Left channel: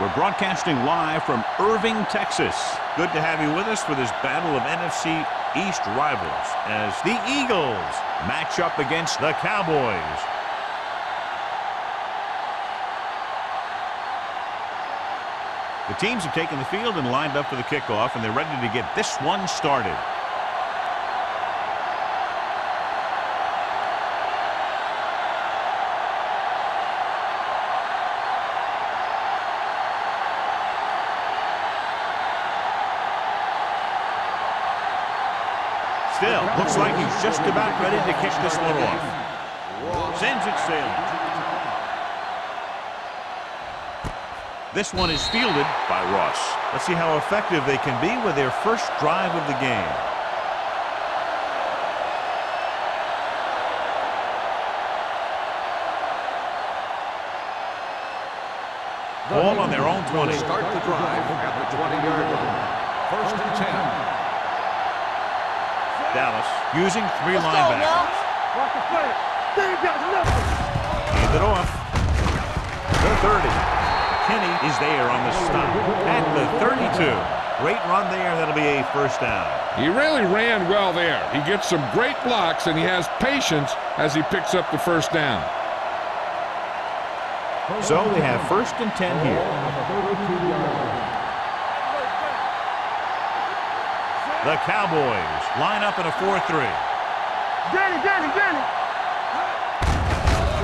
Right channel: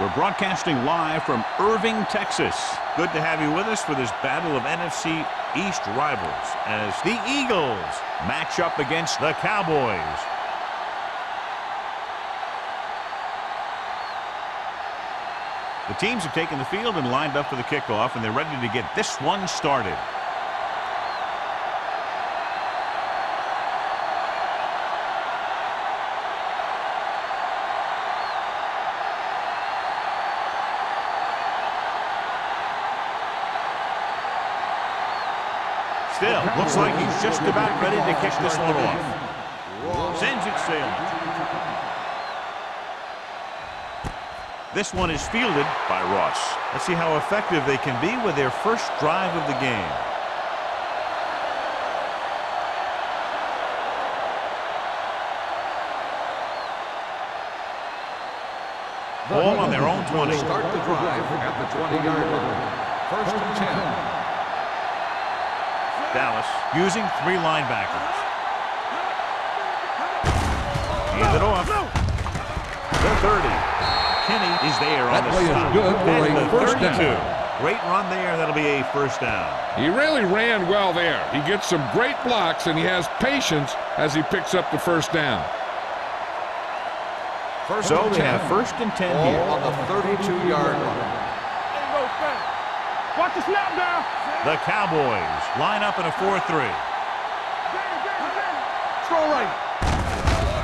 We're broadcasting live from Irving, Texas. Good to have you with us for this battle of NFC East rivals as the Eagles match up against the Cowboys. The teams have taken the field and lined up for the kickoff, and they're ready to get this one started. Still, looks like he's just about ready to kick this one off. Sends it sailing. This one is fielded by Ross. Let's see how effective they can be with their first drive of the game. Ball on their own 20. Start the drive at the 20-yard line. 1st and 10. Dallas using 3 linebackers. Hand it off. The 30. McKinney is there on the stop at the 32. Great run there. That'll be a first down. He really ran well there. He gets some great blocks, and he has patience as he picks up the first down. So they have 1st and 10 here. On the 32-yard line. Watch the snap down. The Cowboys line up in a 4-3. Danny. Throw right.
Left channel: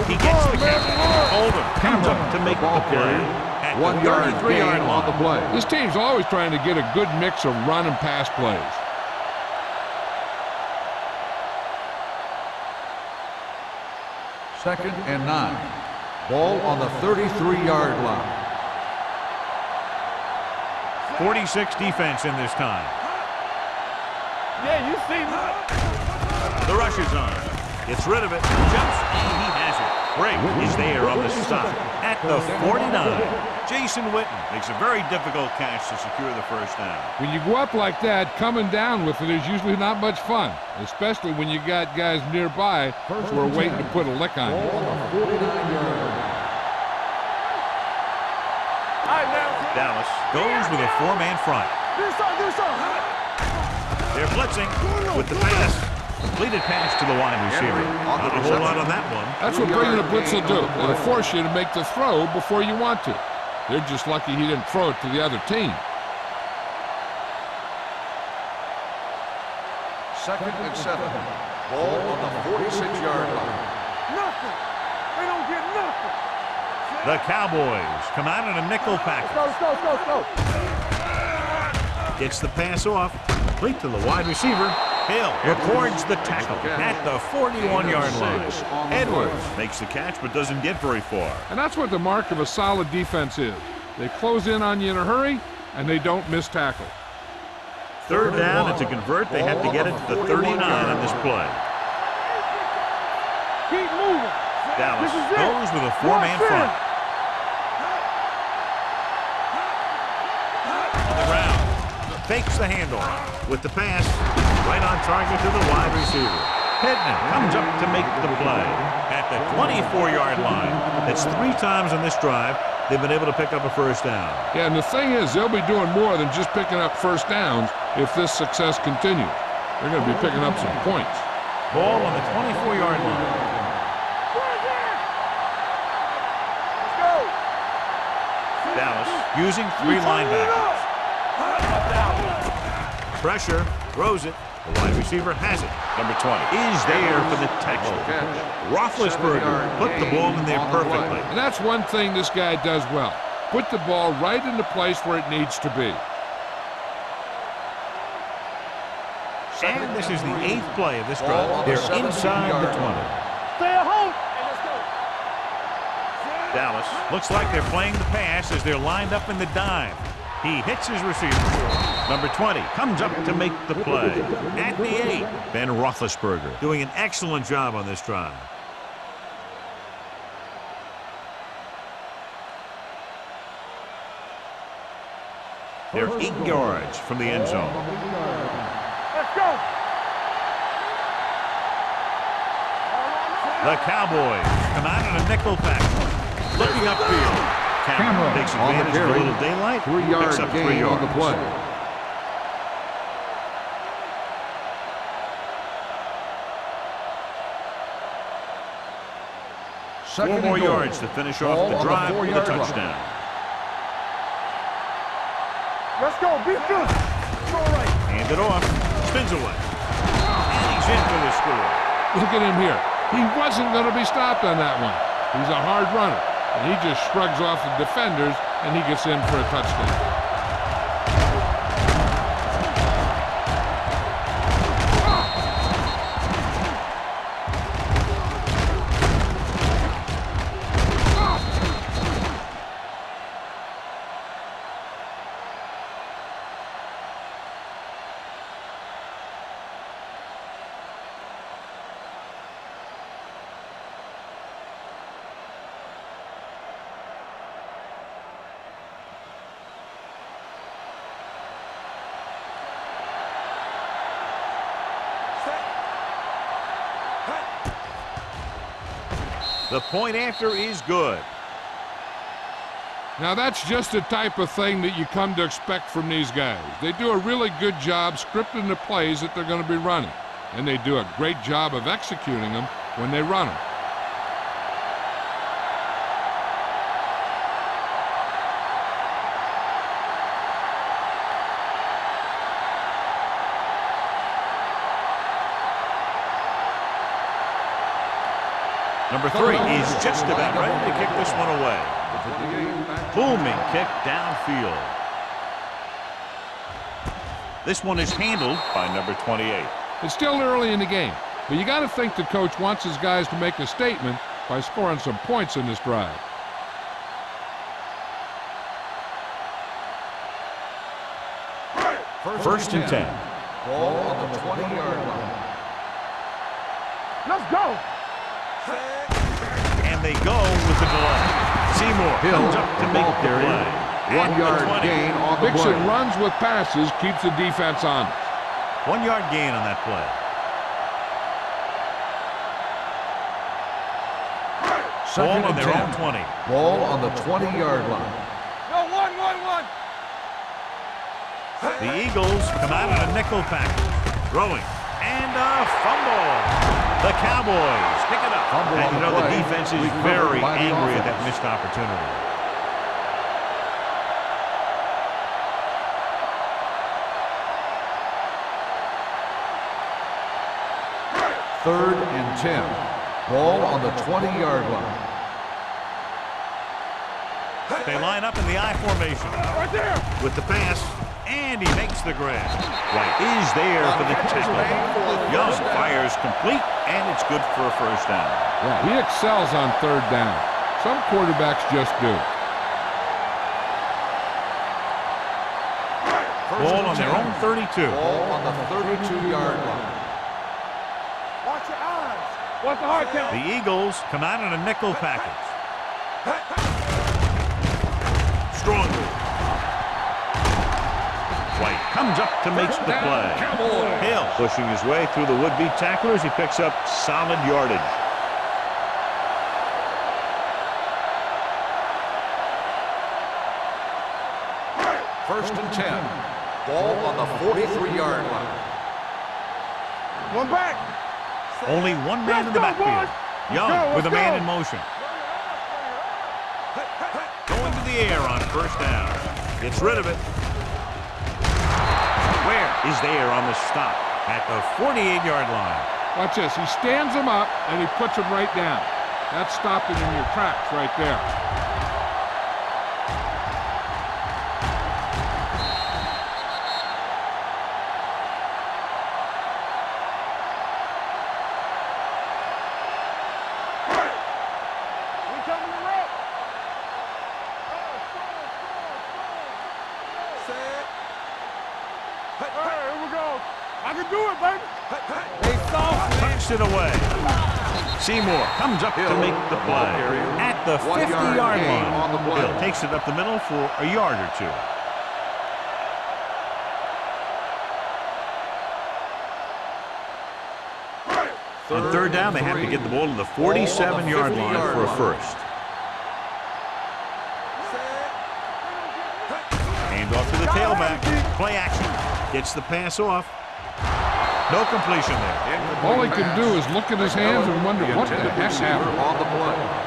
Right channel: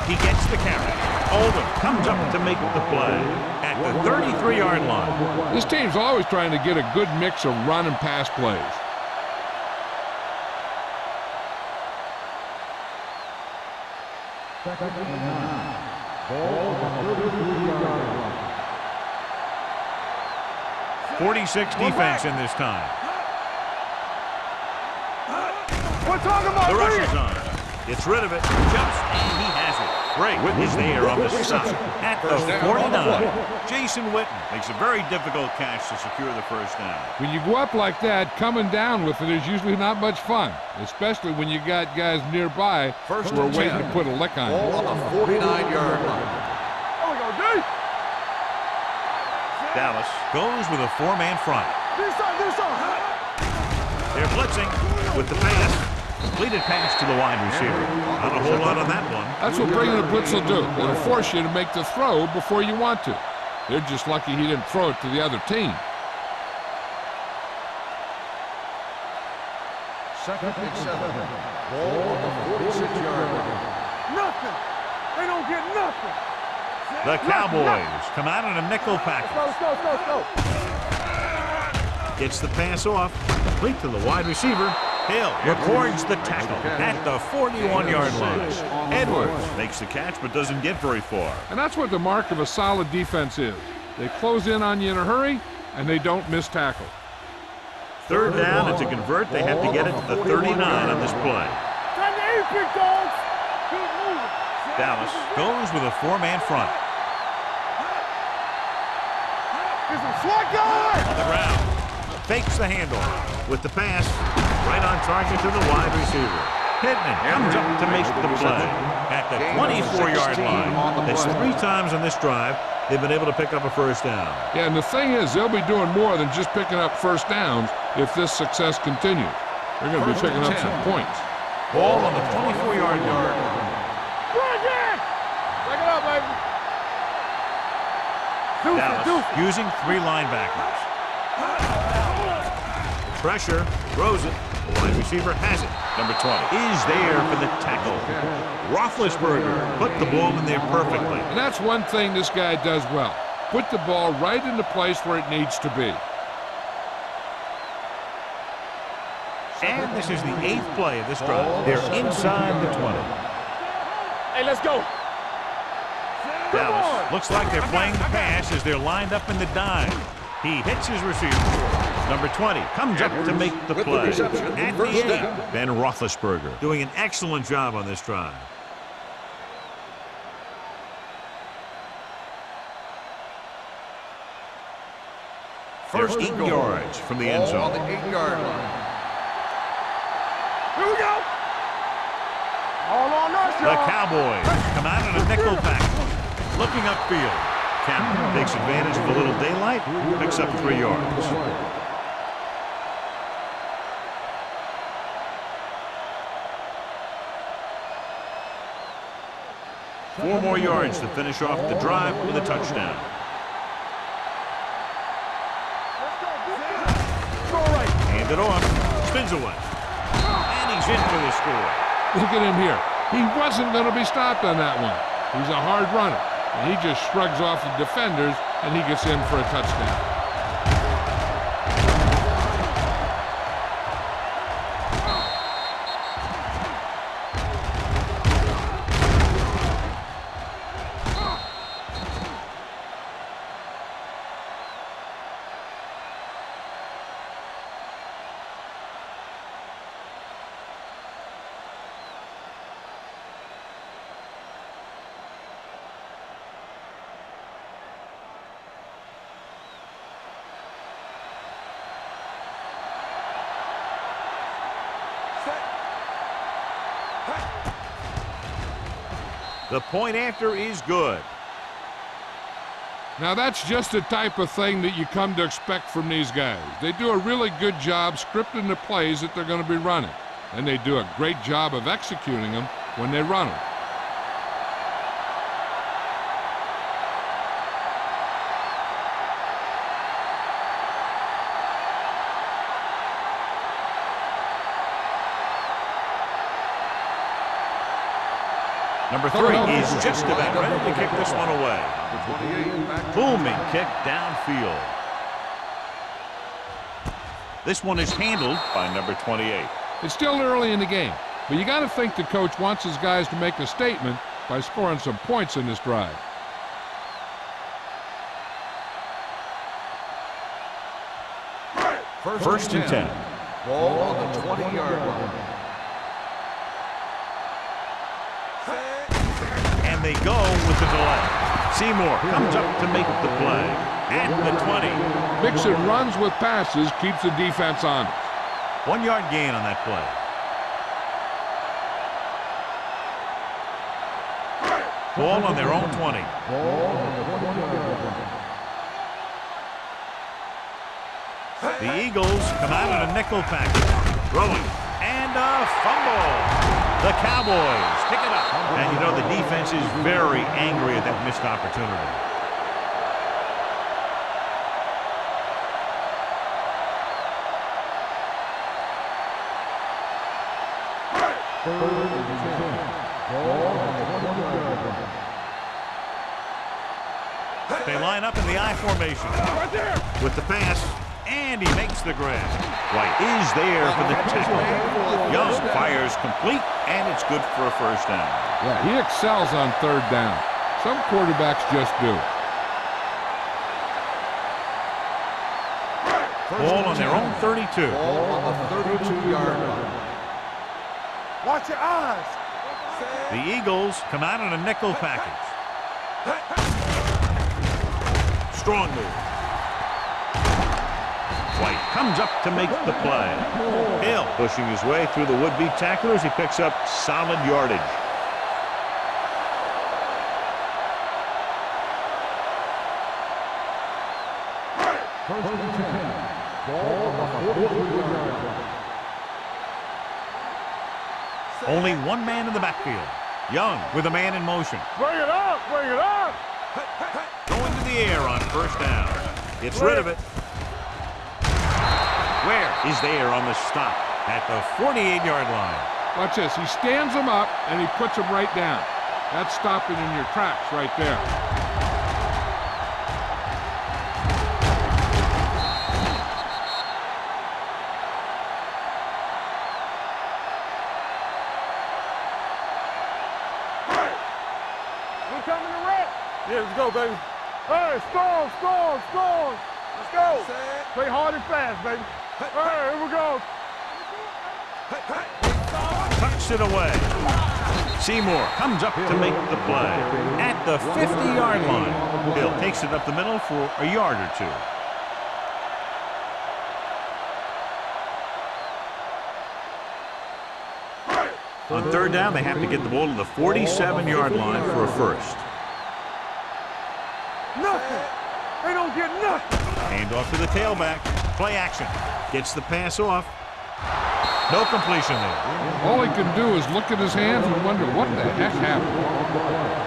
He gets the carry. Oldham comes up to make the play at the 33-yard line. This team's always trying to get a good mix of run and pass plays. Second and 9. Ball on the 33-yard line. 46 defense in this time. The rush is on. Gets rid of it. Jumps, and he has it. Brake is there on the stop at the 49. Jason Witten makes a very difficult catch to secure the first down. When you go up like that, coming down with it is usually not much fun, especially when you got guys nearby who are waiting to put a lick on you. Ball on the 49-yard line. Dallas goes with a 4-man front. They're blitzing with the pass. Completed pass to the wide receiver. Not a whole lot on that one. That's what bringing a blitz will do. It'll force you to make the throw before you want to. They're just lucky he didn't throw it to the other team. 2nd and 7. Ball on the 46-yard line. Nothing. They don't get nothing. The Cowboys come out in a nickel package. Go. Gets the pass off. Complete to the wide receiver. Hill records the tackle at the 41-yard line. Edwards makes the catch but doesn't get very far. And that's what the mark of a solid defense is. They close in on you in a hurry, and they don't miss tackle. 3rd down, and to convert, they have to get it to the 39 on this play. Keep moving. Dallas goes with a 4-man front. On the ground. Fakes the handoff with the pass. Right on target to the wide receiver. Pittman comes up to make the play at the 24-yard line. That's 3 times on this drive they've been able to pick up a first down. Yeah, and the thing is, they'll be doing more than just picking up first downs if this success continues. They're going to be picking up some points. Ball on the 24-yard line. Dallas using 3 linebackers. Pressure, throws it. The wide receiver has it. Number 20 is there for the tackle. Roethlisberger put the ball in there perfectly. And that's one thing this guy does well. Put the ball right into place where it needs to be. And this is the 8th play of this drive. They're inside the 20. Dallas looks like they're playing the pass as they're lined up in the dime. He hits his receiver. Number 20 comes up to make the play. At the 8, Ben Roethlisberger doing an excellent job on this drive. They're 8 yards from the end zone. The Cowboys come out in a nickel package. Looking upfield. Cameron takes advantage of a little daylight, picks up 3 yards. 4 more yards to finish off the drive with a touchdown. Let's go. Be good. Throw right. Hand it off. Spins away. And he's in for the score. Look at him here. He wasn't going to be stopped on that one. He's a hard runner, and he just shrugs off the defenders, and he gets in for a touchdown. The point after is good. Now that's just the type of thing that you come to expect from these guys. They do a really good job scripting the plays that they're going to be running, and they do a great job of executing them when they run them. Number 3 is just about ready to kick this one away. Booming kick downfield. This one is handled by number 28. It's still early in the game, but you got to think the coach wants his guys to make a statement by scoring some points in this drive. First and 10. Ball on the 20-yard line. Let's go. And they go with the delay. Seymour comes up to make the play at the 20. Mixon runs with passes, keeps the defense honest. 1 yard gain on that play. Ball on their own 20. Ball on the 20-yard line. The Eagles come out in a nickel package. Throwing. And a fumble. The Cowboys pick it up. And you know the defense is very angry at that missed opportunity. Third and 10. Ball on the 20-yard line. They line up in the I formation. Right there. With the pass. And he makes the grab. White is there for the tackle. Young fires complete, and it's good for a first down. Yeah, he excels on third down. Some quarterbacks just do. Ball on their own 32. Ball on the 32-yard line. Watch your eyes. Watch the hard count. The Eagles come out in a nickel package. Strong move. White comes up to make the play. Hill pushing his way through the would-be tacklers. He picks up solid yardage. First and 10. Ball on the 43-yard line. One back. Only one man in the backfield. Young with a man in motion. Bring it up. Bring it up. Going to the air on first down. Gets rid of it. Where is there on the stop at the 48-yard line. Watch this. He stands them up, and he puts them right down. That's stopping in your tracks right there. We coming to wreck. Yeah, let's go, baby. Hey, storm. Let's go. Set. Play hard and fast, baby. Hey, here we go. I can do it, baby. Tucks it away. Seymour comes up to make the play at the 50-yard line. Hill takes it up the middle for a yard or two. On third down, they have to get the ball to the 47-yard line for a first. nothing. They don't get nothing. Hand off to the tailback. Play action. Gets the pass off. No completion there. All he can do is look at his hands and wonder what the heck happened. On the play.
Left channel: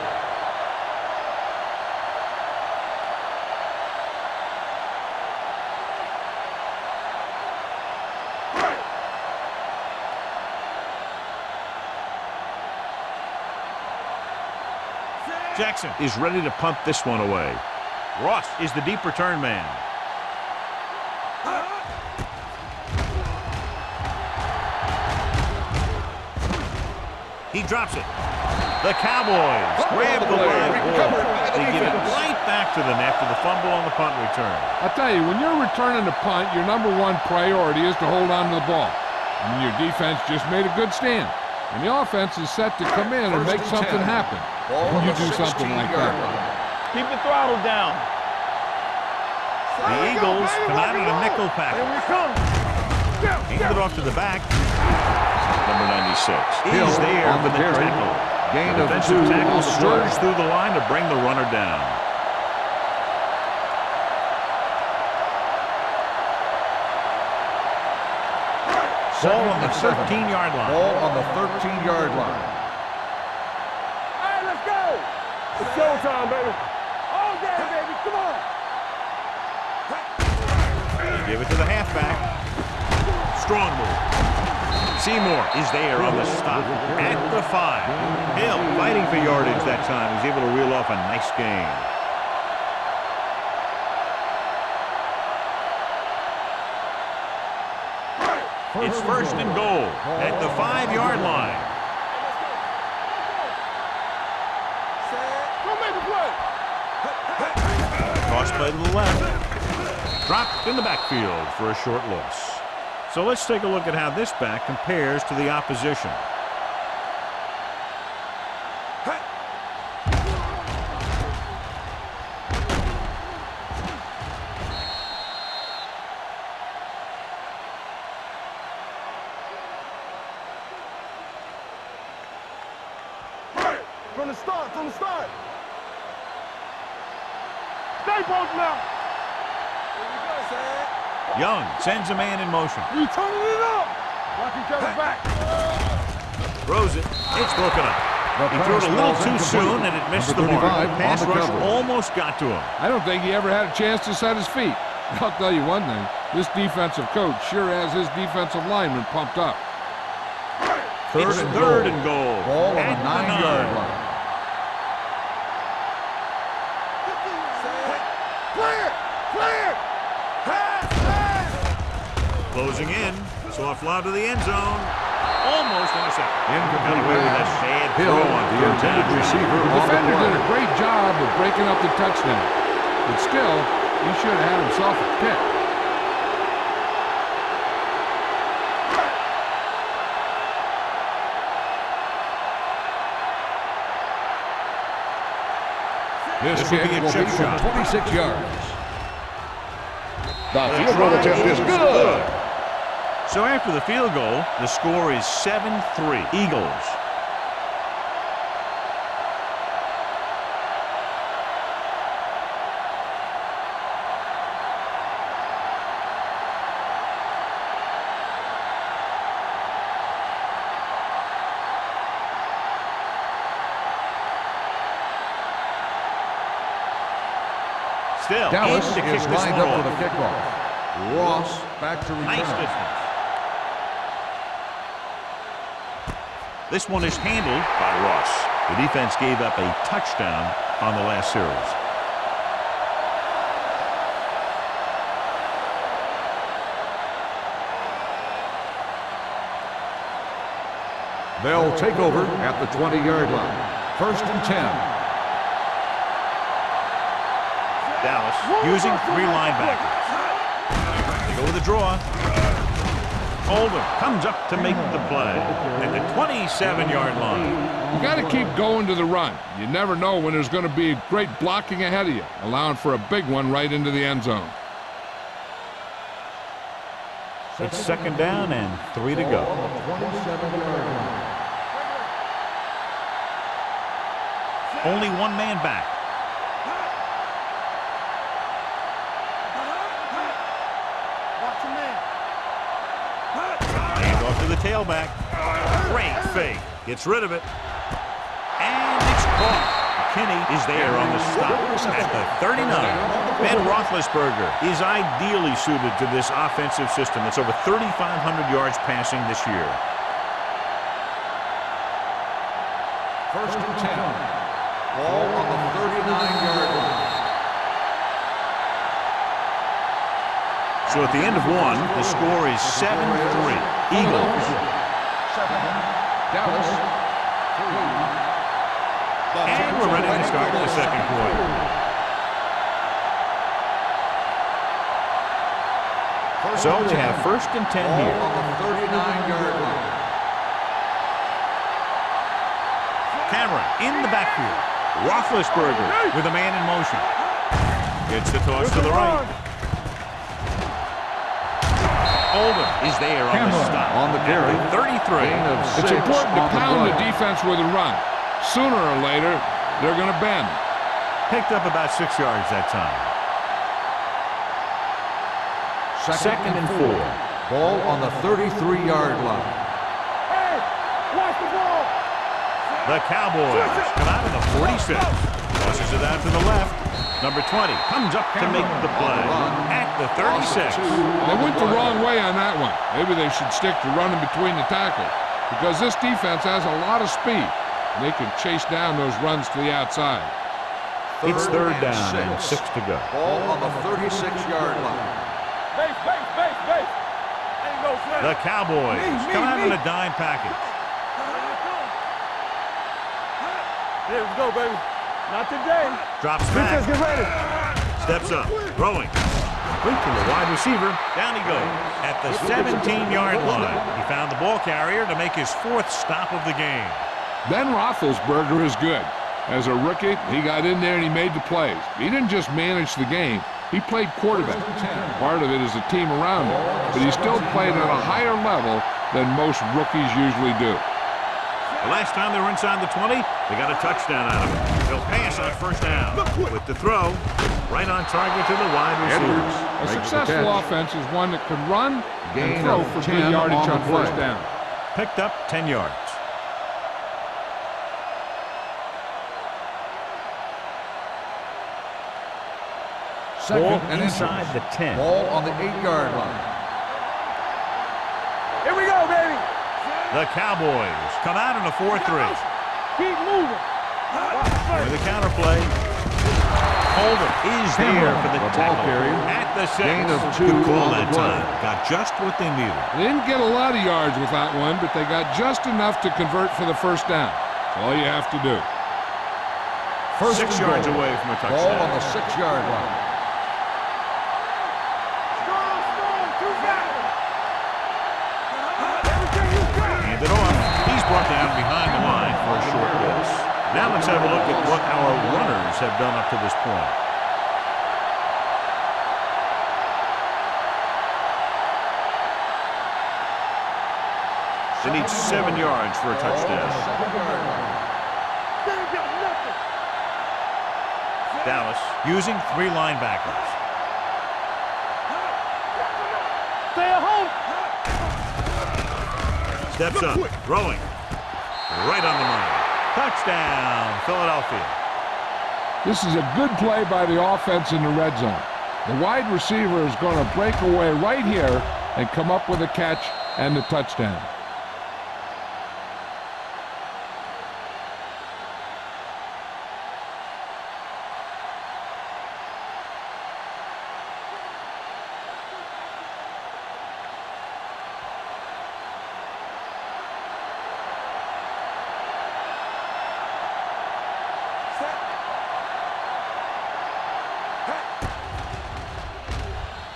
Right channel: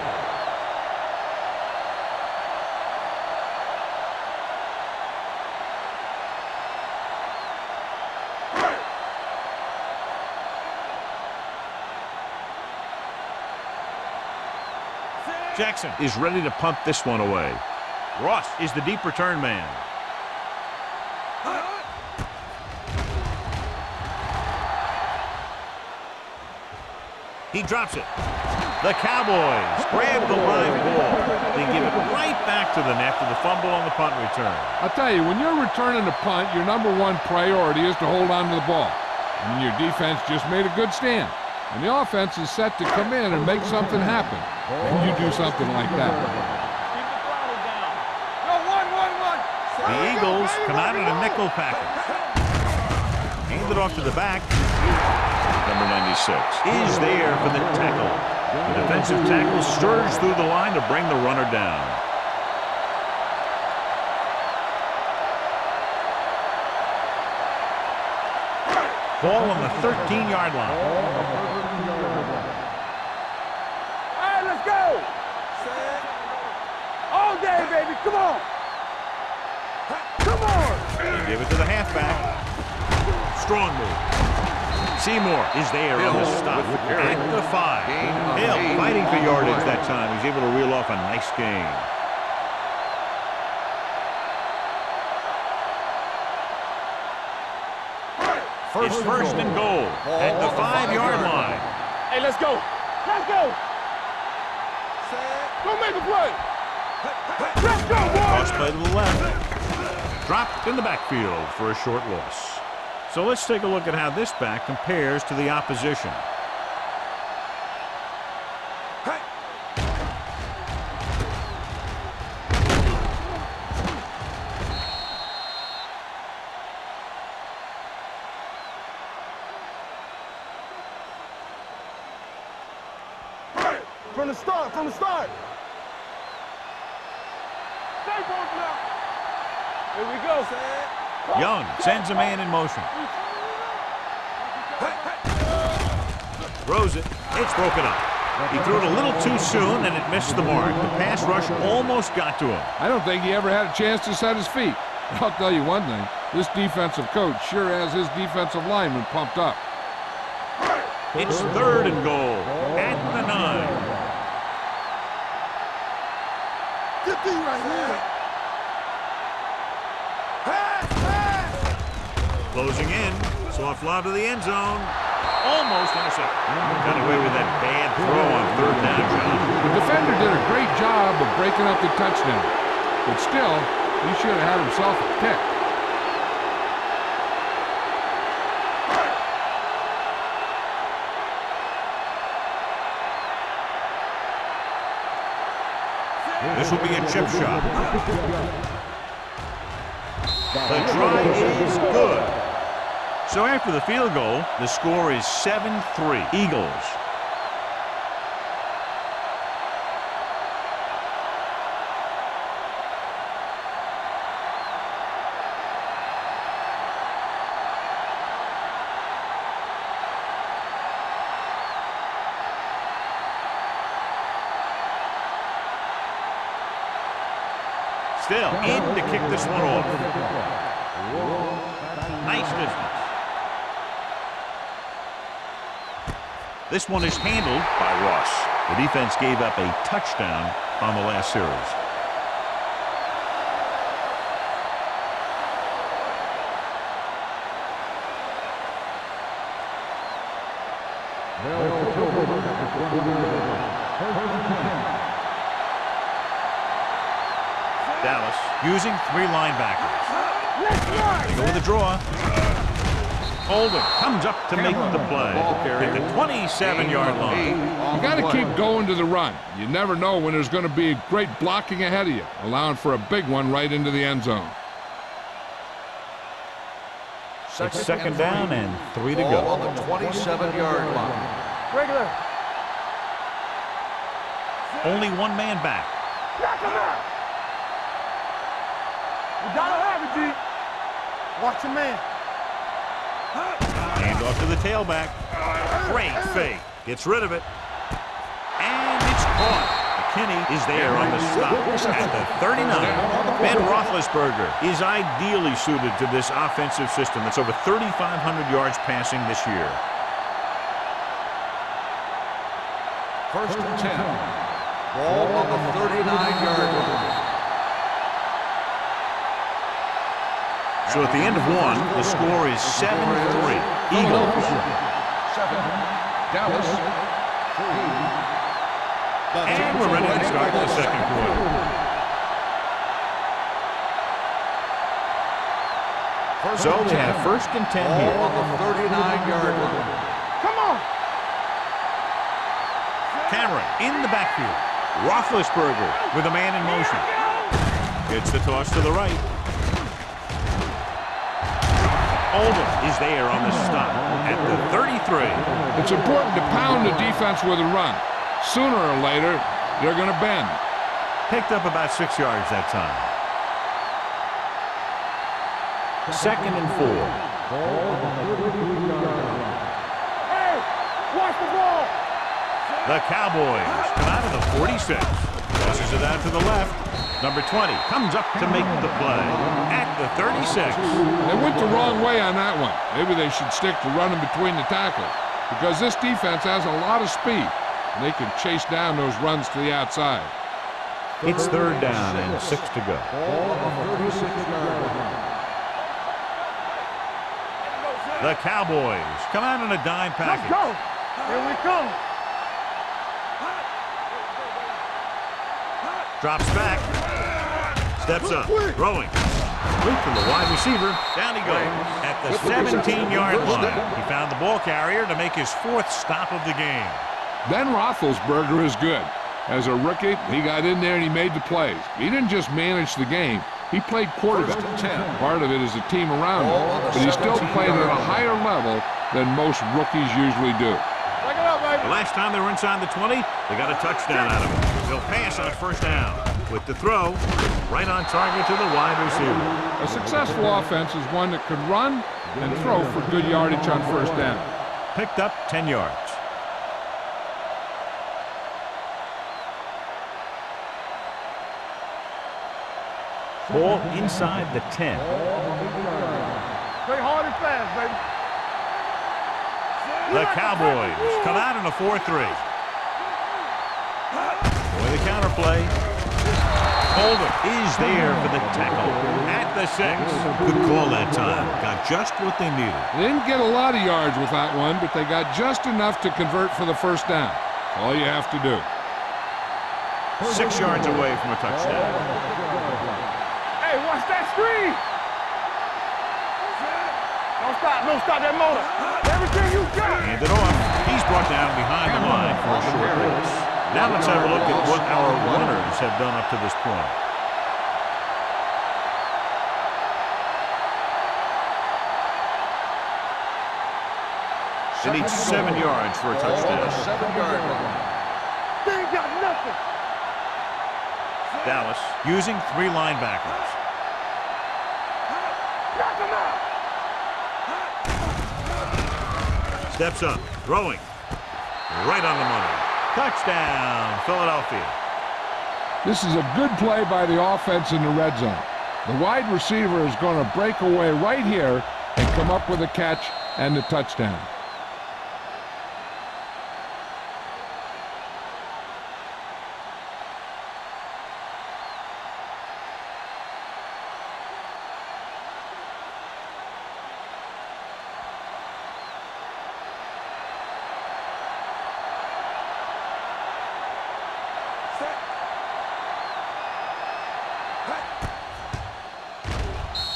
Jackson is ready to punt this one away. Ross is the deep return man. He drops it. The Cowboys grab the live ball. They give it right back to the net for the fumble on the punt return. I'll tell you, when you're returning a punt, your number one priority is to hold on to the ball. And your defense just made a good stand. And the offense is set to come in and make something happen. And you do something like that. Keep the throttle down. The Eagles come out in a nickel package. Hand it off to the back. Number 96 is there for the tackle. The defensive tackle surged through the line to bring the runner down. Ball on the 13-yard line. Ball on the 13-yard line. All right, let's go. It's showtime, baby. All day, baby. Come on. They give it to the halfback. Strong move. Seymour is there on the stop at the 5. Hill fighting for yardage that time. He's able to reel off a nice gain. It's first and goal at the 5-yard line. Hey, let's go. Let's go. Go make a play. Cross play to the left. Dropped in the backfield for a short loss. So let's take a look at how this back compares to the opposition. From the start, from the start. Stay posted now. Here we go. Young sends a man in motion. You turning it up. Throws it. It's broken up. He threw it a little too soon, and it missed the mark. The pass rush almost got to him. I don't think he ever had a chance to set his feet. I'll tell you one thing. This defensive coach sure has his defensive lineman pumped up. It's third and goal at the 9. Closing in. Soft lob to the end zone. Almost intercepted. Got away with that bad throw on third down, John. The defender did a great job of breaking up the touchdown. But still, he should have had himself a pick. This will be a chip shot. 26 yards. The try is good. So after the field goal, the score is 7-3 Eagles. Still in to kick this one off. Ross back to return. Nice distance. This one is handled by Ross. The defense gave up a touchdown on the last series. They'll take over at the 20-yard line. First and 10. Dallas using 3 linebackers. They go with a draw. Oldham comes up to make the play at the 27-yard line. You got to keep going to the run. You never know when there's going to be great blocking ahead of you, allowing for a big one right into the end zone. It's second down and 3 to go. On the 27-yard line. Only one man back. Watch your man. Hand off to the tailback. Great fake. Gets rid of it. And it's caught. McKinney is there on the stop at the 39. Ben Roethlisberger is ideally suited to this offensive system that's over 3,500 yards passing this year. 1st and 10. Ball on the 39-yard line. So at the end of one, the score is 7-3. Eagles. 7. Dallas. 3. And we're ready to start the second quarter. So they have 1st and 10 here. On the 39-yard line. Come on. Cameron in the backfield. Roethlisberger with a man in motion. Gets the toss to the right. Oldham is there on the stop at the 33. It's important to pound the defense with a run. Sooner or later, they're going to bend. Picked up about 6 yards that time. 2nd and 4. Ball on the 33-yard line. Hey, watch the ball. The Cowboys come out of the 46. Tosses it out to the left. Number 20 comes up to make the play at the 36. They went the wrong way on that one. Maybe they should stick to running between the tackles because this defense has a lot of speed, and they can chase down those runs to the outside. It's 3rd down and 6 to go. Ball on the 36-yard line. The Cowboys come out in a dime package. Here we come. Here we go, baby. Not today. Drops back. Steps up. Throwing. Quick to the wide receiver. Down he goes at the 17-yard line. He found the ball carrier to make his 4th stop of the game. Ben Roethlisberger is good. As a rookie, he got in there and he made the plays. He didn't just manage the game. He played quarterback. Part of it is the team around him, but he still played at a higher level than most rookies usually do. The last time they were inside the 20, they got a touchdown out of it. They'll pass on 1st down. With the throw, right on target to the wide receiver. A successful offense is one that can run and throw for good yardage on 1st down. Picked up 10 yards. Ball inside the 10. Ball on the 8-yard line. Play hard and fast, baby. Here we go, baby. The Cowboys come out in a 4-3. Keep moving. With the counterplay. Oldham is there for the tackle at the 6. Good call that time. Got just what they needed. They didn't get a lot of yards with that one, but they got just enough to convert for the 1st down. That's all you have to do. 6 yards away from a Ball on touchdown. the 6-yard line. Hey, watch that screen. Strong, too fast. Don't stop that moment. Everything you got. Hand it off. He's brought down behind the line for a short loss. Now let's have a look at what our runners have done up to this point. They need 7 yards for a touchdown. 7-yard line. They ain't got nothing. Dallas using 3 linebackers. Knock them out. Stay at home. Steps up, throwing. Right on the money. Touchdown, Philadelphia. This is a good play by the offense in the red zone. The wide receiver is going to break away right here and come up with a catch and the touchdown.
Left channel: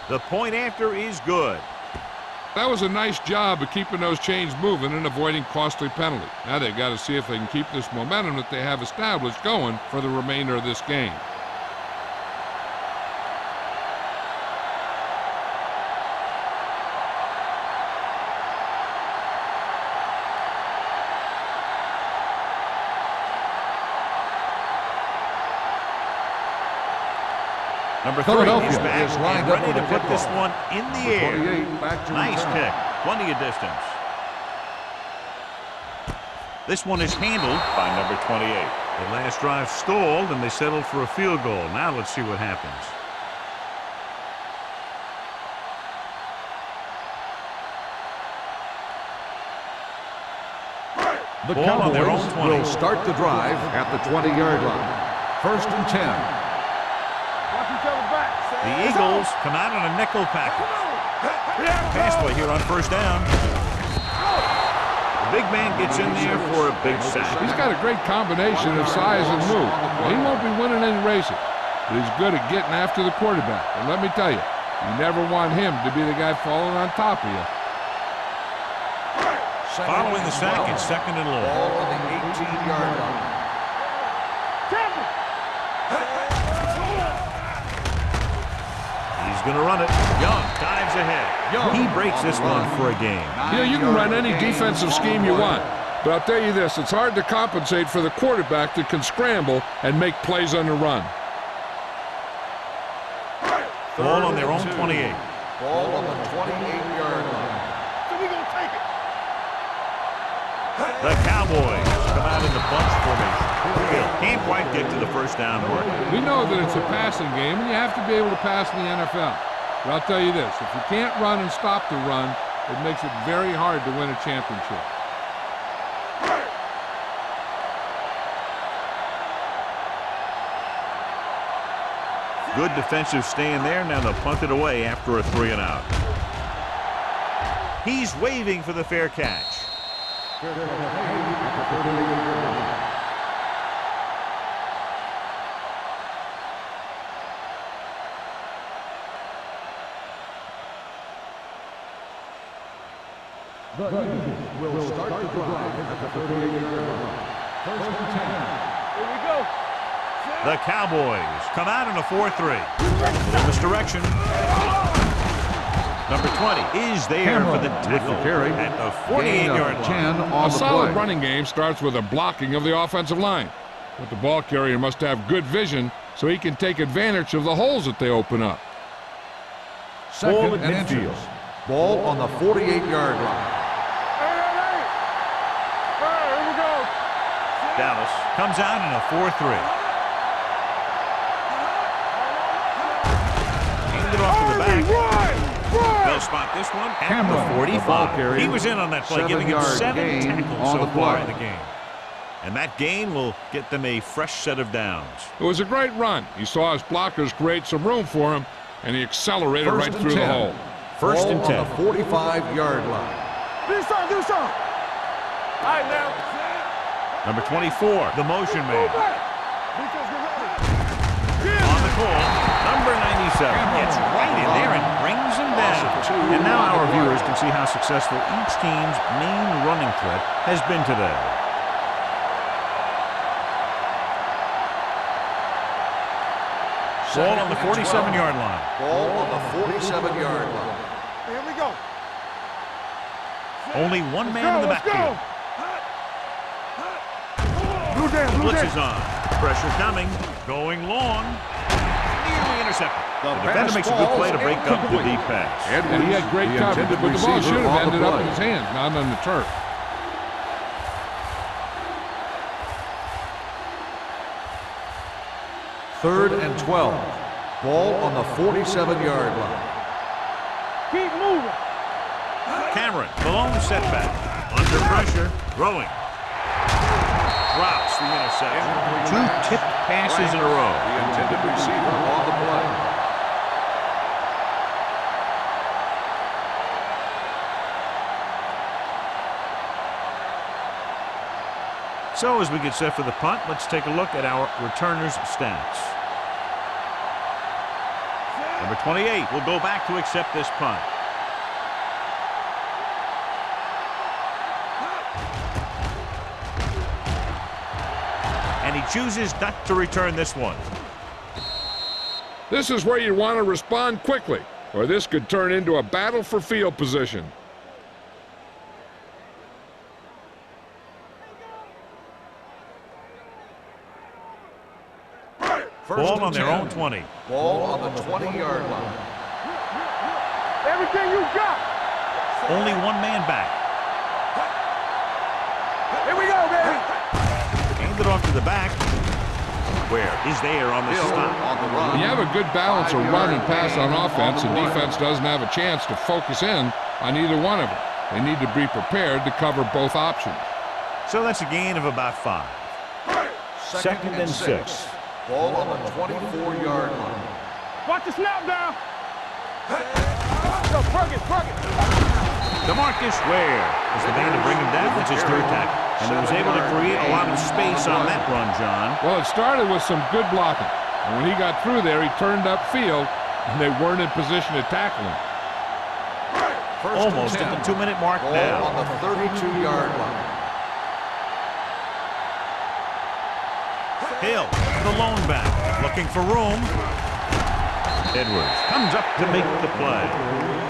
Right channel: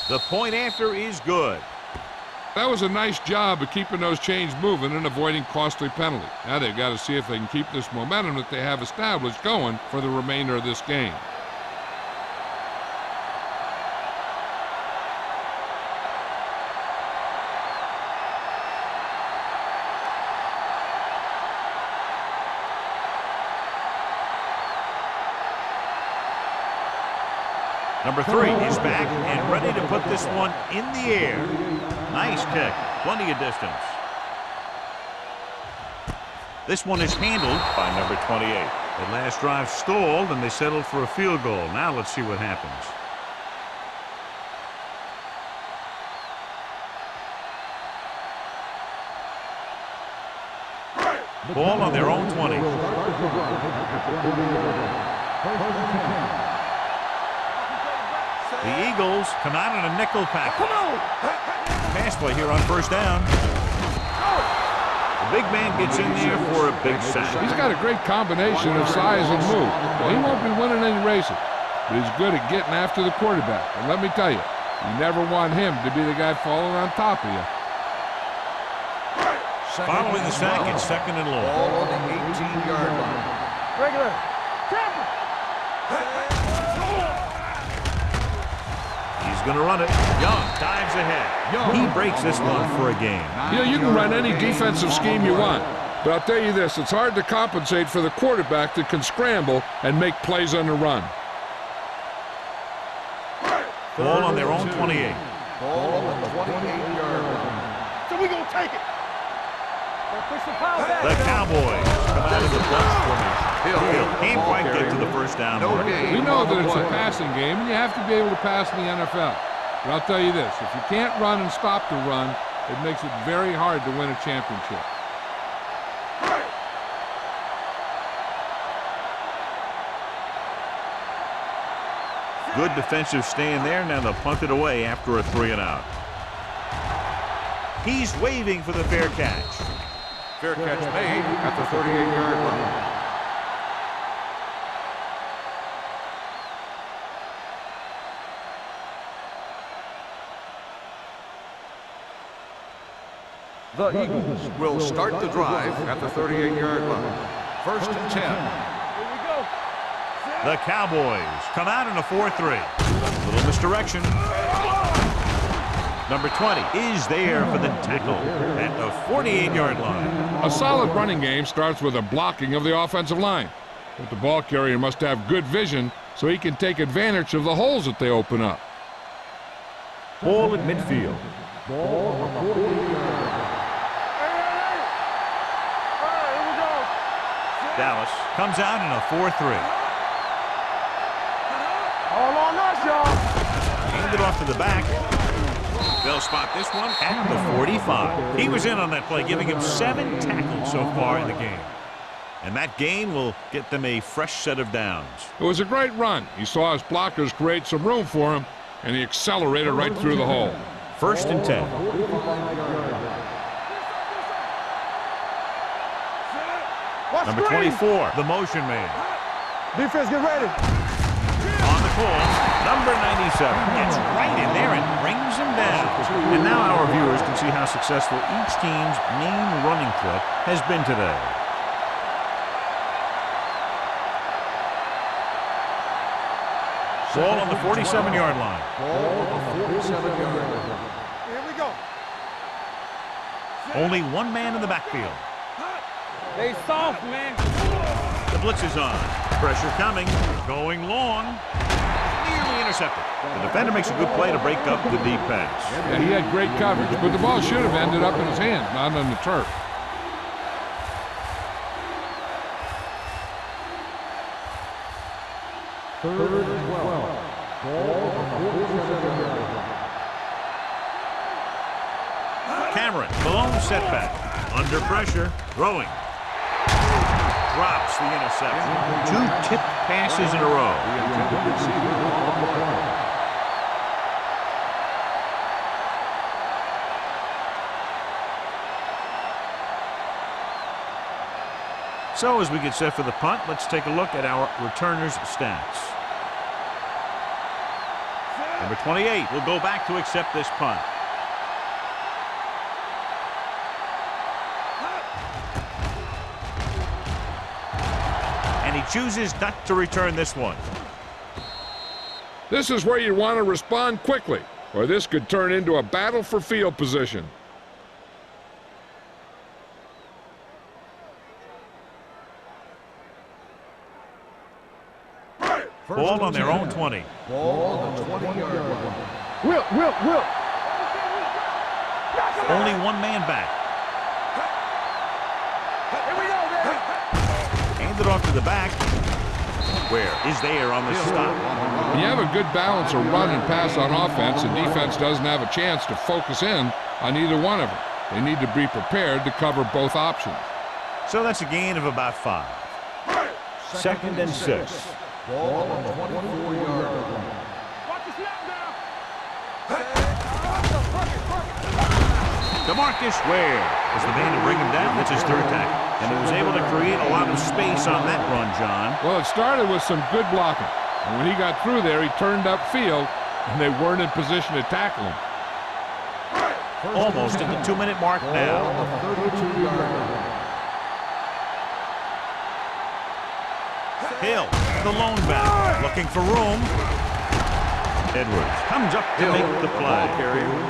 The point after is good. That was a nice job of keeping those chains moving and avoiding costly penalty. Now they've got to see if they can keep this momentum that they have established going for the remainder of this game. Number 3 is back and ready to put this one in the air. Nice kick. Plenty of distance. This one is handled by number 28. That last drive stalled, and they settled for a field goal. Now let's see what happens. The Ball on their own 20. Will start the drive at the 20-yard line. 1st and 10. Watch each other back. The Eagles come out in a nickel package. Come on. Pass play here on 1st down. The big man gets in there for a big sack. He's got a great combination of size and move. Now, he won't be winning any races, but he's good at getting after the quarterback. And let me tell you, you never want him to be the guy falling on top of you. Following the sack, it's 2nd and long. Ball on the 18-yard line. Regular. Tampa. He's going to run it. Young dives ahead. He breaks this one for a gain. You know, you can run any defensive scheme you want, but I'll tell you this, it's hard to compensate for the quarterback that can scramble and make plays on the run. Ball on their own 28. Ball on the 28-yard line. So we gonna take it. The Cowboys come out in the bunch formation. Hill can't quite get to the 1st down mark. We know that it's a passing game, and you have to be able to pass in the NFL. But I'll tell you this, if you can't run and stop the run, it makes it very hard to win a championship. Good defensive stand there. Now they'll punt it away after a 3-and-out. He's waving for the fair catch. Fair catch made at the 38-yard line. The Eagles will start the drive at the 38-yard line. 1st and 10. Here we go. The Cowboys come out in a 4-3. Little misdirection. Number 20 is there for the tackle at the 48-yard line. A solid running game starts with a blocking of the offensive line. But the ball carrier must have good vision so he can take advantage of the holes that they open up. Ball at midfield. Ball on the 48-yard line. Hey. Here we go. Dallas comes out in a 4-3. Hand it off to the back. They'll spot this one at the 45. He was in on that play, giving him 7 tackles so far in the game. And that gain will get them a fresh set of downs. It was a great run. He saw his blockers create some room for him, and he accelerated right through the hole. 1st and 10. 45-yard line. Do something. All right, now. Watch Number the 24, the motion man. defense, get ready. On the call, number 97 gets right in there and brings him down. And now our viewers can see how successful each team's main running threat has been today. Ball on the 47-yard line. Ball on the 47-yard line. Here we go. Only one man in the backfield. They soft, man. The blitz is on. Pressure coming. Going long. Nearly intercepted. The defender makes a good play to break up the deep pass. Yeah, he had great coverage, but the ball should have ended up in his hands, not on the turf. Third and 12. Ball on the 47-yard line. Keep moving. Cameron, Malone setback. Under pressure. Throwing. Drops the interception. 2 tipped passes in a row. The intended receiver on the play. So as we get set for the punt, let's take a look at our returners' stats. Number 28 will go back to accept this punt. And he chooses not to return this one. This is where you want to respond quickly, or this could turn into a battle for field position. Ball on their own 20. Ball on the 20-yard line. Will. Everything you got. Only one man back. Here we go, baby. Hand it off to the back. Where is there on the Hill stop? on the run. When you have a good balance of run and pass on offense, and defense doesn't have a chance to focus in on either one of them. They need to be prepared to cover both options. So that's a gain of about 5. Second and 6. Ball on the 24-yard line. Watch the snap down. Go, Crooked. DeMarcus Ware is the man to bring him down. That's his third tackle. And he was able to create a lot of space on that run, John. Well, it started with some good blocking. And when he got through there, he turned upfield, and they weren't in position to tackle him. Almost at the 2-minute mark Ball now. on the 32-yard line. Hill, the lone back, looking for room. Edwards comes up to make the play.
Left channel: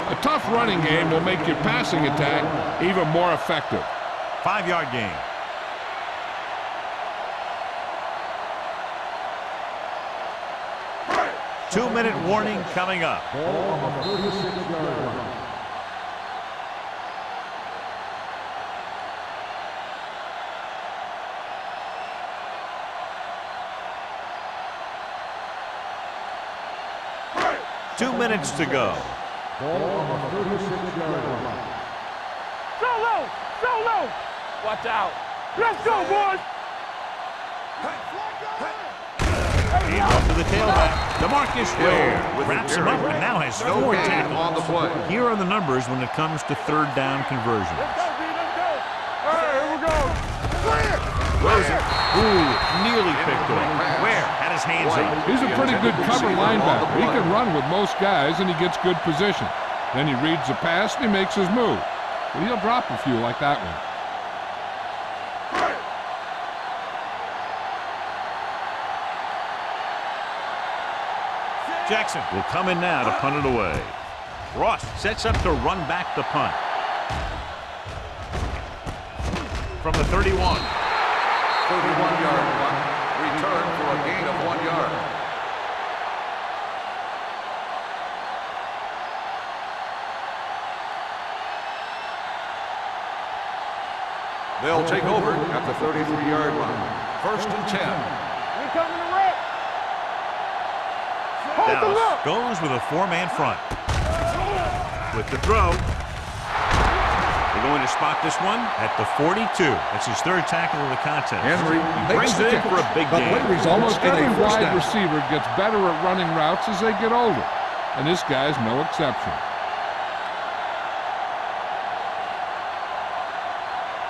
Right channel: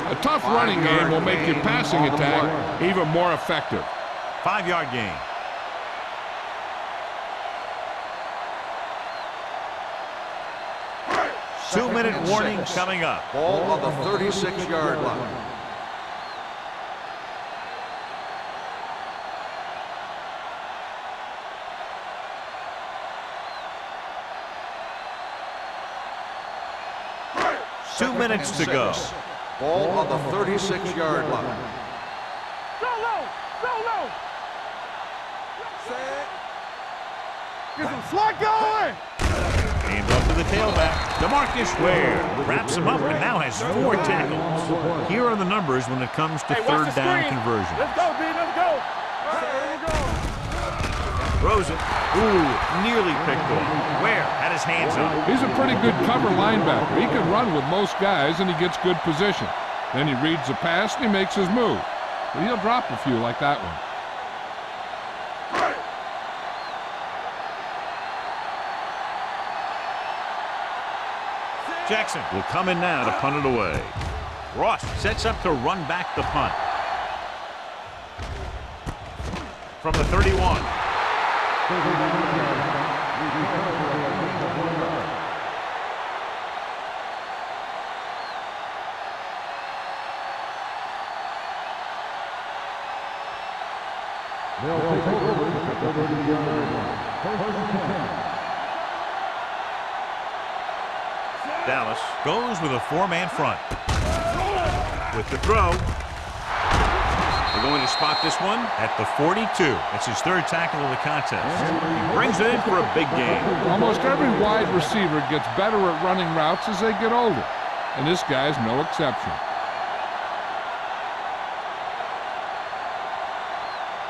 A tough running game will make your passing attack even more effective. 5-yard gain. Two-minute warning coming up. Ball on the 36-yard line. Two minutes to go. Ball on the 36-yard line. Solo. Watch out. Let's go, boys. Get the slot going. Hand off to the tailback. DeMarcus Ware wraps him up and now has 4 tackles. Here are the numbers when it comes to third down conversions. Let's go, D. Let's go. All right, here we go. Throws it. Ooh, nearly picked off. Ware had his hands up. He's a pretty good cover linebacker. He can run with most guys, and he gets good position. Then he reads the pass, and he makes his move. But he'll drop a few like that one. Jackson will come in now to punt it away. Ross sets up to run back the punt. From the 31. 31-yard line. Return for a gain of 1 yard. They'll take over at the 33-yard line. First and 10. Dallas goes with a 4-man front. With the throw. They're going to spot this one at the 42. That's his third tackle of the contest. He brings it in for a big gain. Almost every wide receiver gets better at running routes as they get older. And this guy's no exception.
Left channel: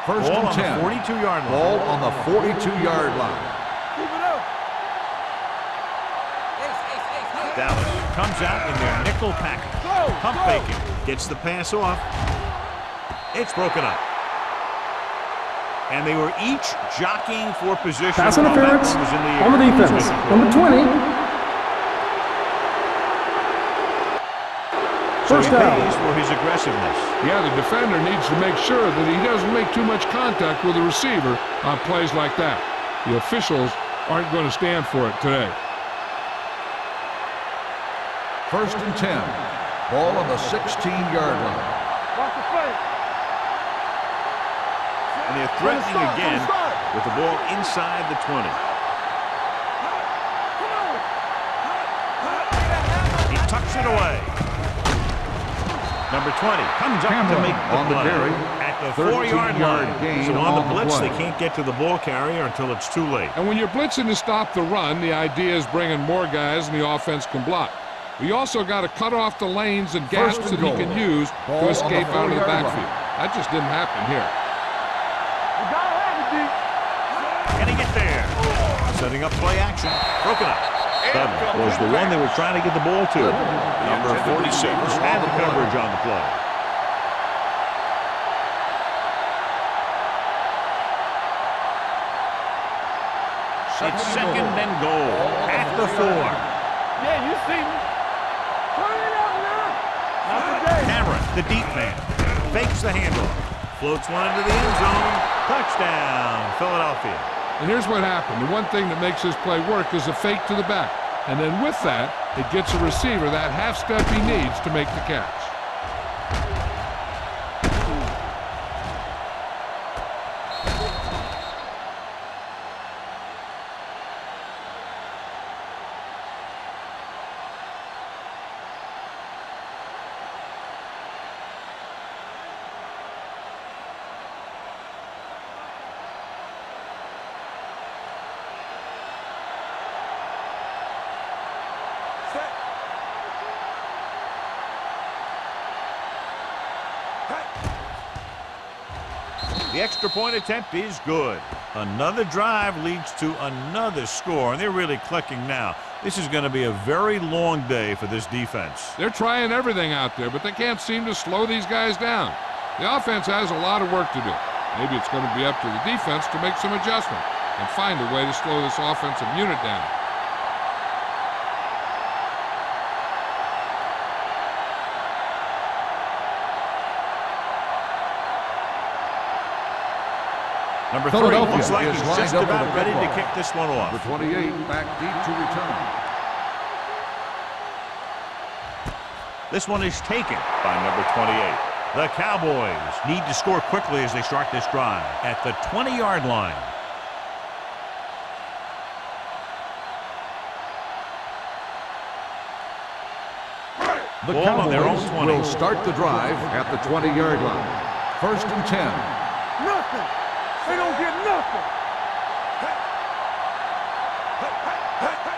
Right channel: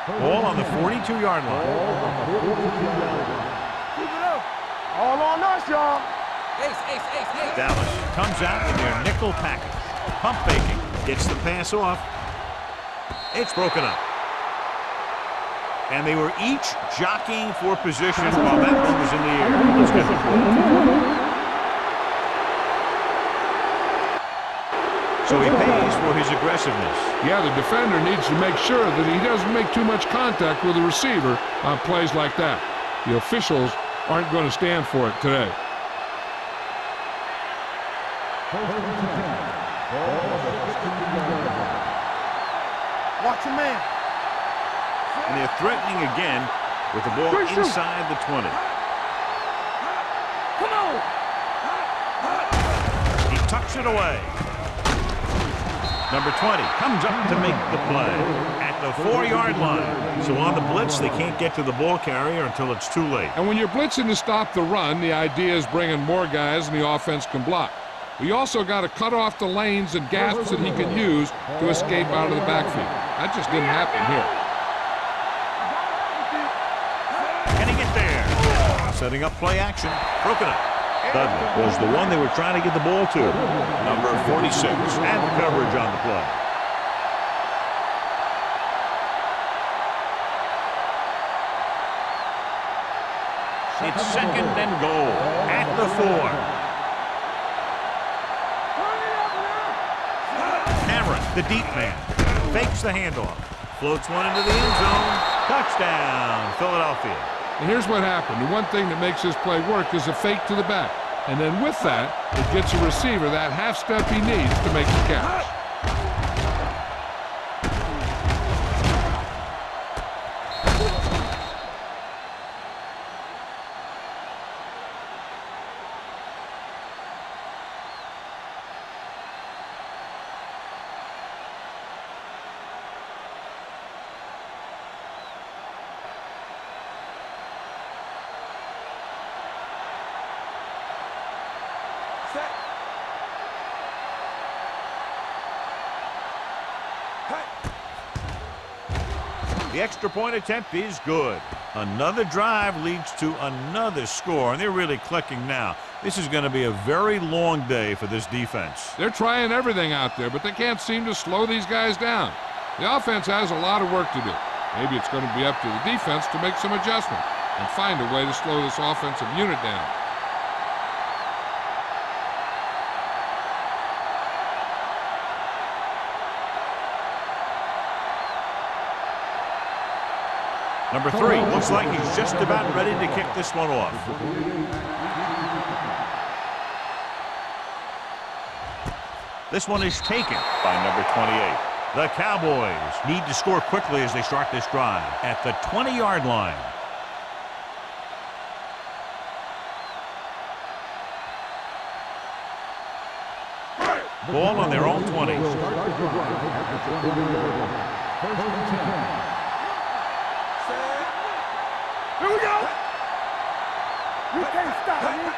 Ball on the 42-yard line. Ball on the 42-yard line. Keep it up. All on us, y'all. Dallas comes out in their nickel package. Pump faking. Gets the pass off. It's broken up. And they were each jockeying for position while that one was in the air. Let's get the Number 20. So he pays for his aggressiveness. Yeah, the defender needs to make sure that he doesn't make too much contact with the receiver on plays like that. The officials aren't going to stand for it today. First and 10. Ball on the 16-yard line. Watch your man. And they're threatening again with the ball inside the 20. Come on. He tucks it away. Number 20 comes up to make the play at the 4-yard line. So on the blitz, they can't get to the ball carrier until it's too late. And when you're blitzing to stop the run, the idea is bringing more guys and the offense can block. We also got to cut off the lanes and gaps that he can use to escape out of the backfield. That just didn't happen here. You gotta have it, D. Can he get there? Setting up play action. Broken up. Dudley was the one they were trying to get the ball to. Number 46 had the coverage on the play. It's second and goal at the 4. Yeah, you see me. Turn it up now. Cameron, the deep man, fakes the handoff. Floats one into the end zone. Touchdown, Philadelphia. And here's what happened. The one thing that makes this play work is a fake to the back. And then with that, it gets a receiver that half step he needs to make the catch. The extra point attempt is good. Another drive leads to another score, and they're really clicking now. This is going to be a very long day for this defense. They're trying everything out there, but they can't seem to slow these guys down. The offense has a lot of work to do. Maybe it's going to be up to the defense to make some adjustment and find a way to slow this offensive unit down. Number 3 looks like he's just about ready to kick this one off. The 28 back deep to return. This one is taken by number 28. The Cowboys need to score quickly as they start this drive at the 20-yard line. Ball on their own 20. Will start the drive at the 20-yard line. 1st and 10. They don't get nothing. Here we go. You can't stop me.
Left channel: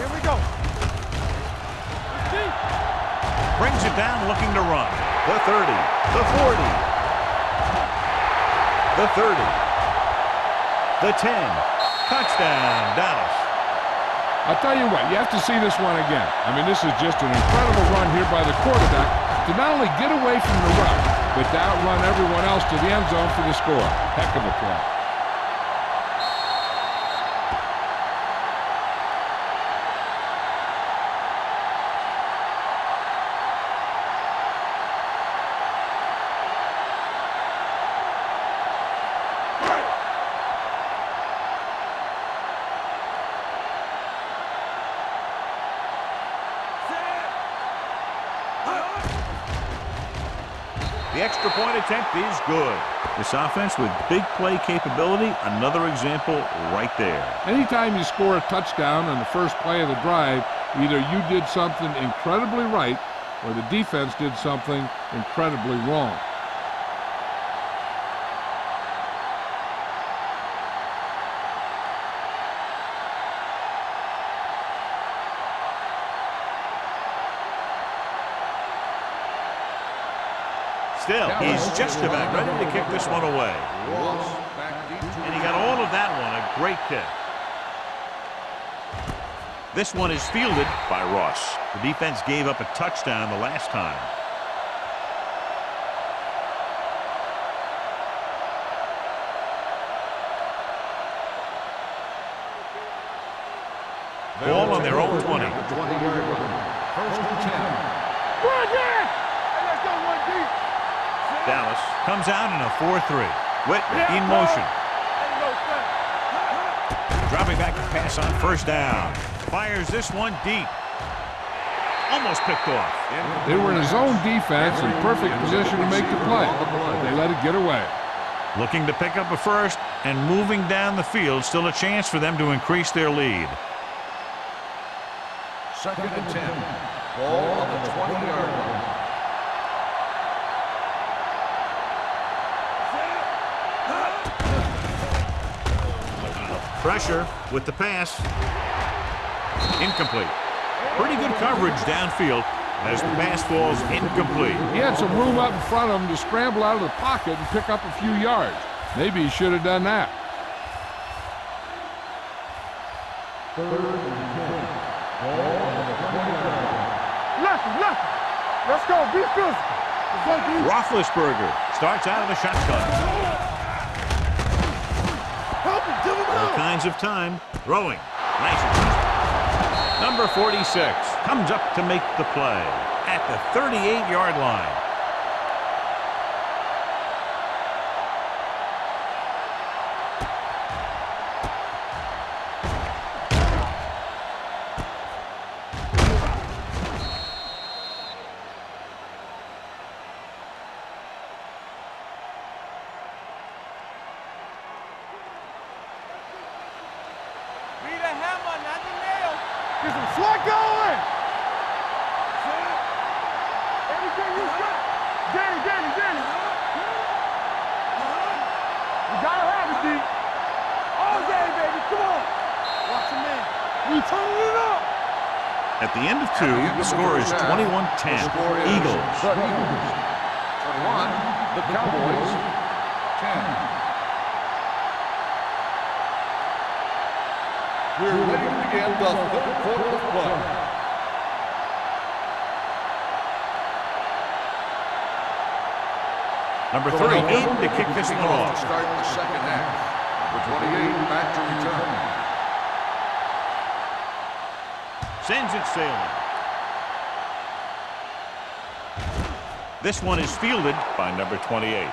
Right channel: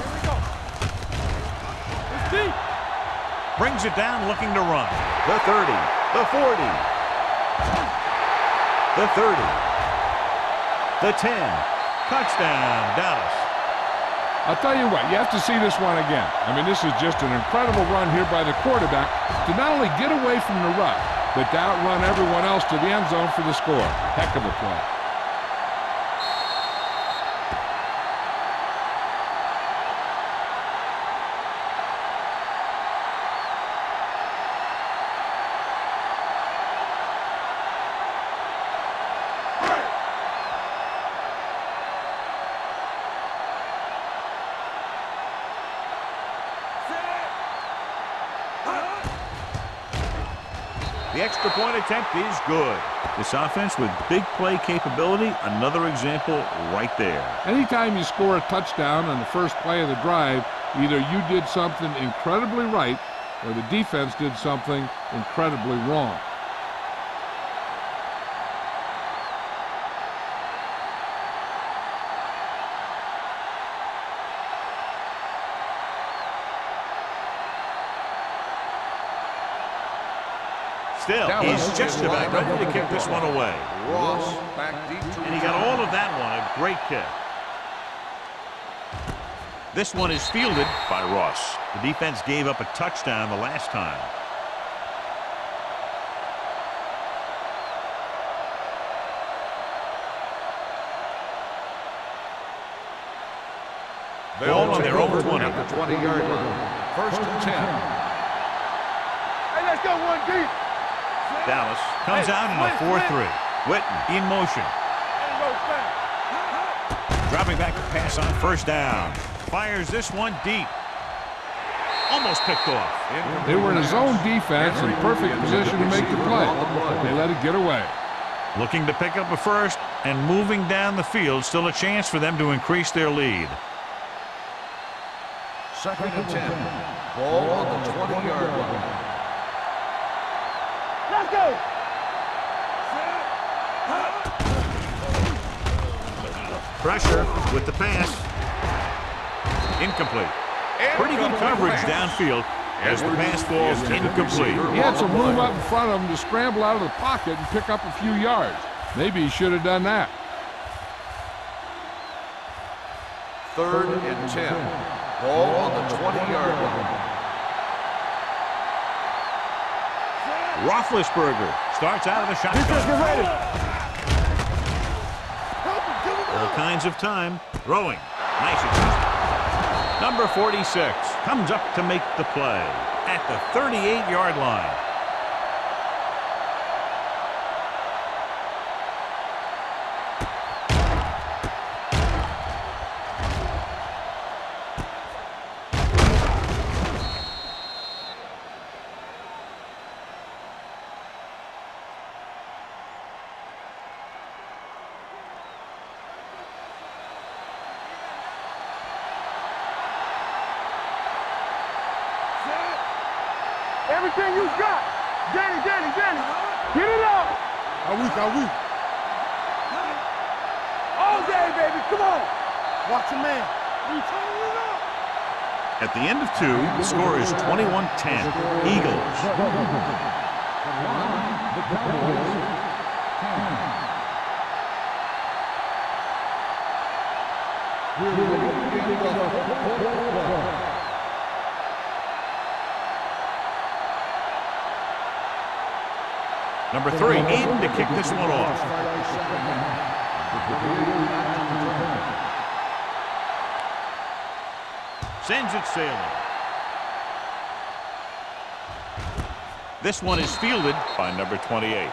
Here we go. It's deep. Brings it down, looking to run. The 30, the 40, the 30, the 10. Touchdown, Dallas. I'll tell you what, you have to see this one again. I mean, this is just an incredible run here by the quarterback to not only get away from the rush, but to outrun everyone else to the end zone for the score. Heck of a play. The extra point attempt is good. This offense with big play capability, another example right there. Anytime you score a touchdown on the first play of the drive, either you did something incredibly right or the defense did something incredibly wrong. Still, he's just about ready to kick this one away. Ross back deep to And he got all of that one, a great kick. This one is fielded by Ross. The defense gave up a touchdown the last time. Ball on their own 20. At the 20-yard line. 1st and 10. Run there. Hey, let's go one deep. Dallas comes out in a 4-3. Whitten in motion. Ain't no thing. Dropping back to pass on 1st down. Fires this one deep. Almost picked off. They were in a zone defense in perfect position to make the play. They let it get away. Looking to pick up a first and moving down the field. Still a chance for them to increase their lead. 2nd and 10. Ball on the 20-yard line. Let's go. Pressure with the pass. Incomplete. Pretty good coverage downfield as the pass falls incomplete. He had some room up in front of him to scramble out of the pocket and pick up a few yards. Maybe he should have done that. 3rd and 10. Ball on the 20-yard line. Left. Let's go. Be physical. Roethlisberger starts out of the shotgun. Help him. Give him All out. kinds of time. Throwing. Nice adjustment. Number 46 comes up to make the play at the 38-yard line. Get some sweat going. Set. Everything you got. Danny. Get it up. You gotta have it, Steve. All day, baby. Come on. Watch a man. We turning it up. At the end of 2, the score is 21-10. Eagles. The Eagles. 21. The Cowboys. 10. We're ready to begin the third quarter of play. Number 3 in to kick this one off. Start the second half. Number 28 back to return. Sends it sailing. This one is fielded by number 28.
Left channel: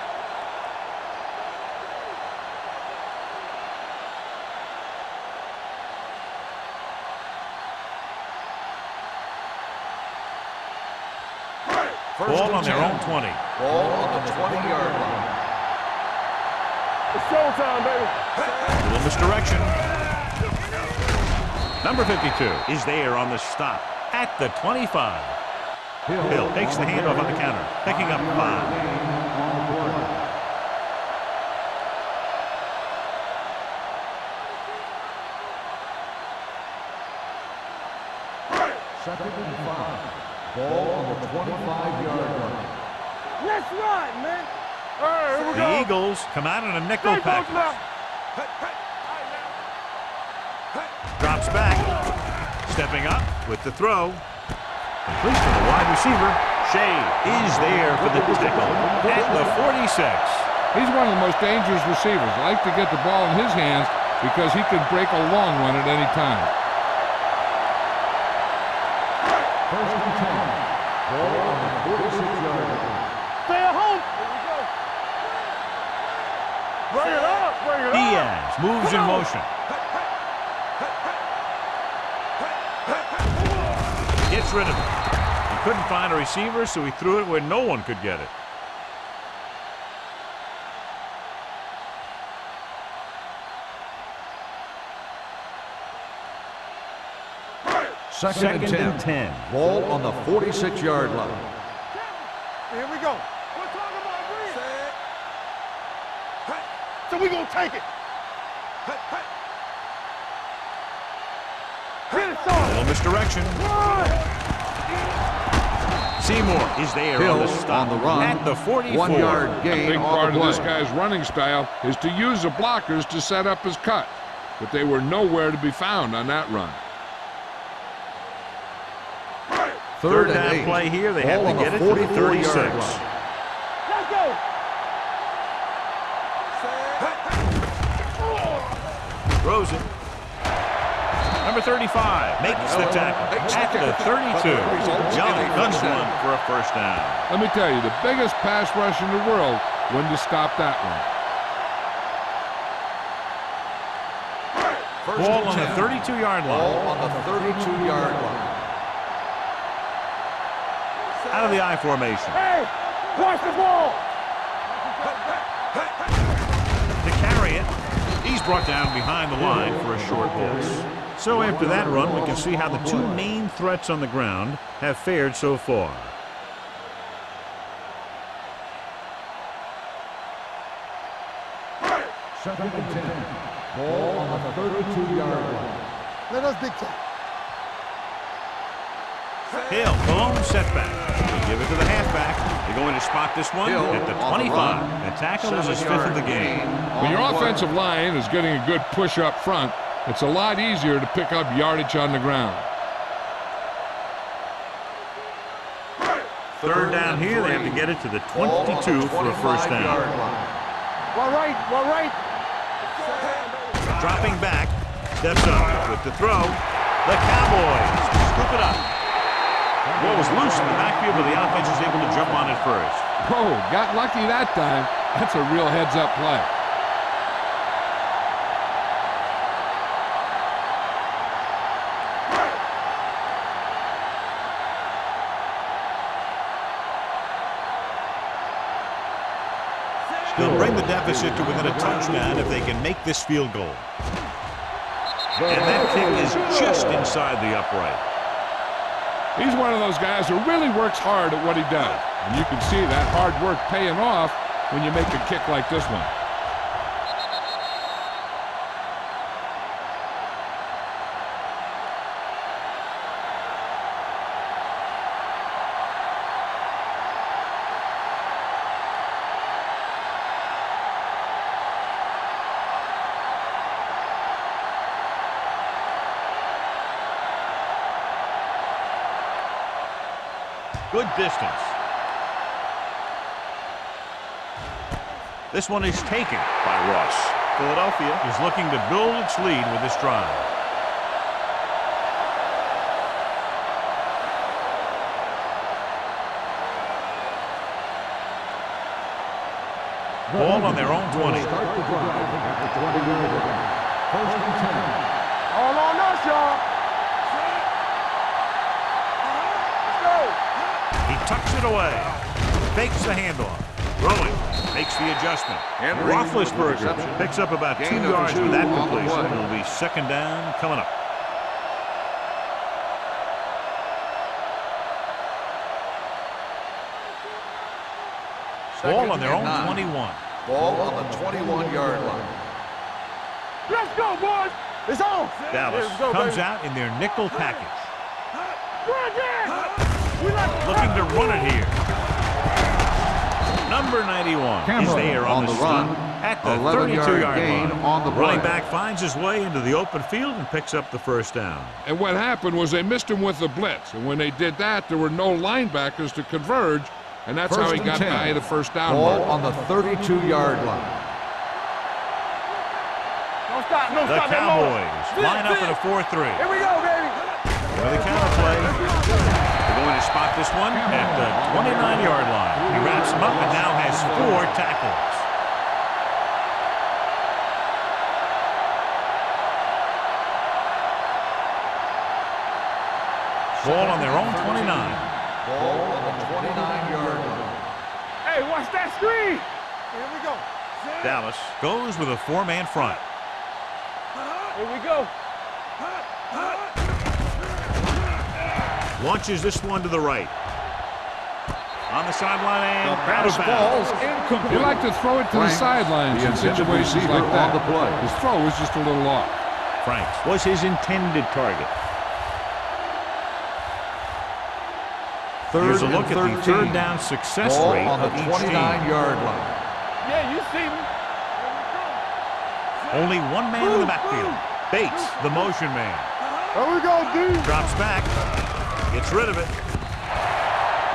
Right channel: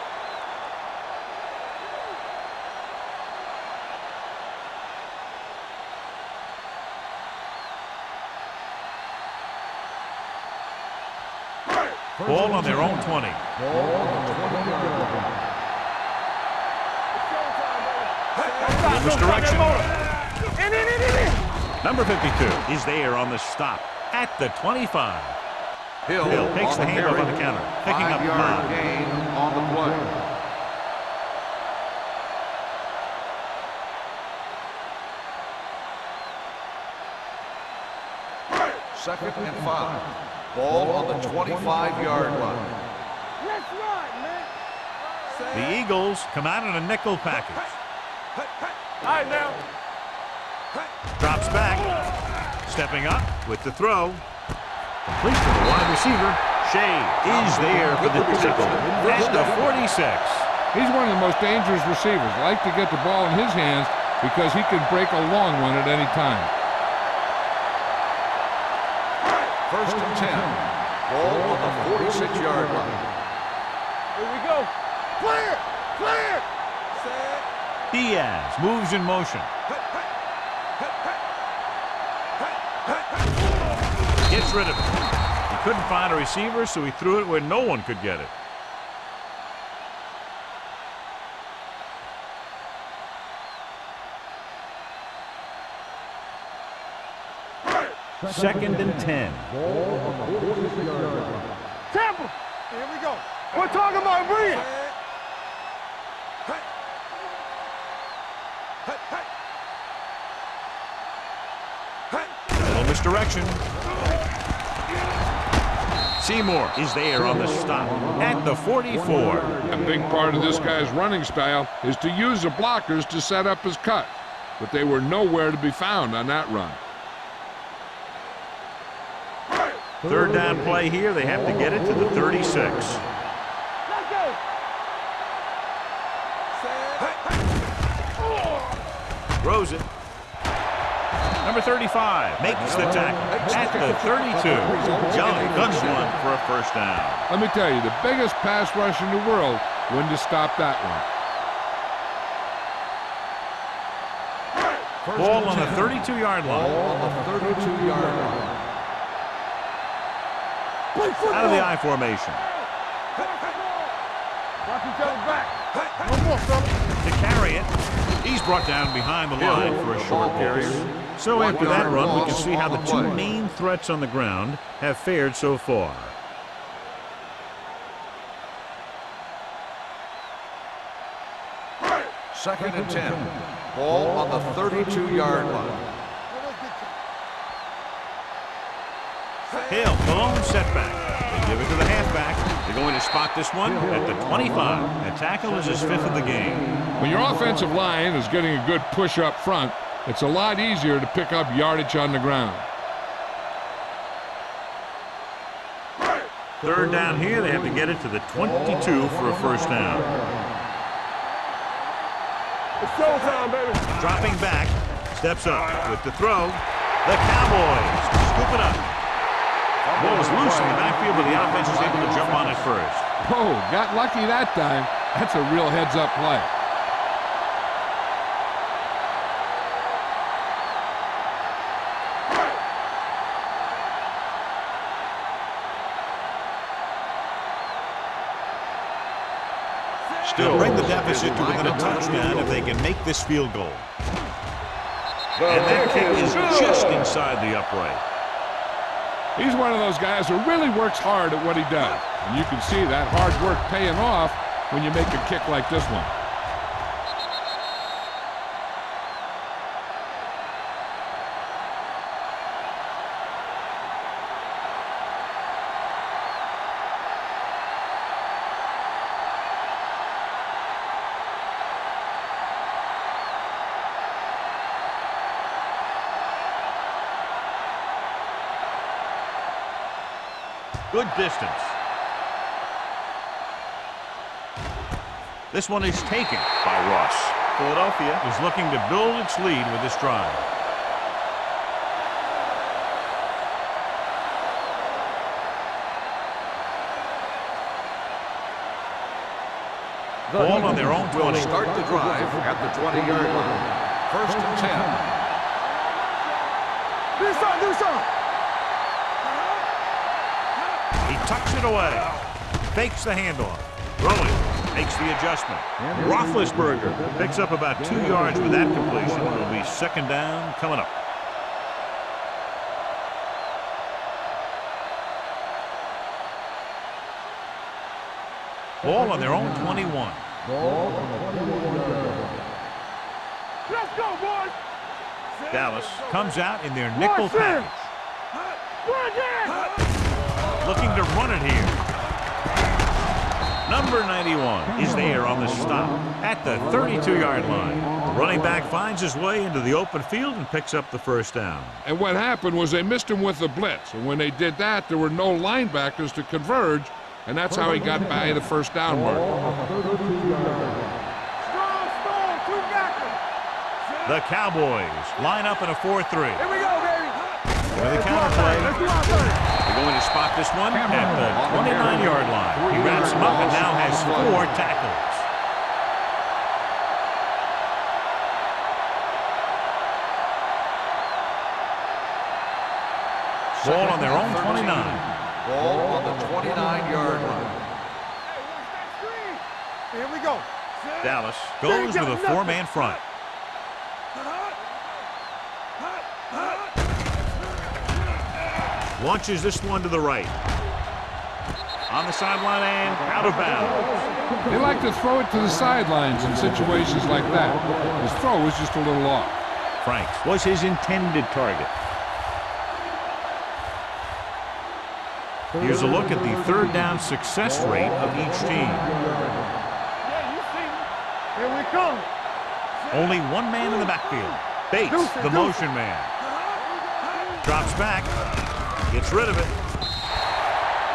Ball on their own 20. Ball on the 20-yard line. It's showtime, baby. Little misdirection. Number 52 is there on the stop at the 25. Hill takes the handoff on the counter, picking up 5. Second and 5. Ball on the 25-yard line. Let's ride, man. The Eagles come out in a nickel package. All right, now. Drops back. Stepping up with the throw. Complete to the wide receiver. Shea is there for the tackle at the 46. He's one of the most dangerous receivers. Like to get the ball in his hands because he can break a long one at any time. First and 10. Ball on the 46-yard line. Stay at home. Here we go. Clear. Bring it up. Diaz moves in motion. Gets rid of it. He couldn't find a receiver, so he threw it where no one could get it. Second and 10. Ball on the 46-yard line. Tampa. Here we go. We're talking about bring it. So we gonna take it. Little misdirection. Seymour is there on the stop at the 44. A big part of this guy's running style is to use the blockers to set up his cut, but they were nowhere to be found on that run. Third down play here. They have to get it to the 36. Let's go. Throws it. Number 35 makes the tackle at the 32. Young guns one for a first down. Let me tell you, the biggest pass rush in the world wouldn't have stopped that one. Ball on the 32-yard line. Ball on the 32-yard line. Out of the I formation. Hey, watch the ball. Watch each other back. To carry it, he's brought down behind the line for a short loss. So after that run, we can see how the two main threats on the ground have fared so far. Second and 10. Ball on the 32-yard line. Let us dictate. Hill, the lone setback. They give it to the halfback. They're going to spot this one at the 25. That tackle is his 5th of the game. When your offensive line is getting a good push up front, it's a lot easier to pick up yardage on the ground. Third down here, they have to get it to the 22 for a first down. All right. It's showtime, baby. Dropping back, steps up with the throw. The Cowboys scoop it up. Ball was loose in the backfield, but the offense was able to jump on it first. Oh, got lucky that time. That's a real heads-up play. They'll bring the deficit to within a touchdown if they can make this field goal. And that kick is just inside the upright. He's one of those guys who really works hard at what he does. And you can see that hard work paying off when you make a kick like this one. Good distance. This one is taken by Ross. Philadelphia Is looking to build its lead with this drive. Ball on their own 20. Start the drive at the 20-yard line. First and 10. All on us, y'all. Do something, do something. He tucks it away. Fakes the handoff. Throwing. Makes the adjustment. Roethlisberger picks up about 2 yards with that completion. It'll be second down coming up. Ball on their own 21. Ball on the 21-yard line. Let's go, boys. It's on. Dallas comes out in their nickel package. Run again. Looking to run it here. Number 91 is there on the stop at the 32-yard line. The running back finds his way into the open field and picks up the first down. And what happened was they missed him with the blitz. And when they did that, there were no linebackers to converge. And that's how he got by the first down mark. Ball on the 32-yard line. The Cowboys line up in a 4-3. Here we go, baby. With a counter play. They're going to spot this one at the 29-yard line. He wraps him up and now has 4 tackles. Ball on their own 29. Ball on the 29-yard line. Hey, watch that screen. Here we go. Dallas goes with a 4-man front. Here we go. Launches this one to the right. On the sideline and out of bounds. They like to throw it to the sidelines in situations like that. His throw was just a little off. Franks was his intended target. Here's a look at the third down success rate of each team. Yeah, you see me. Here we come. Only one man in the backfield. Bates, the motion man. Here we go, dude. Drops back. Gets rid of it.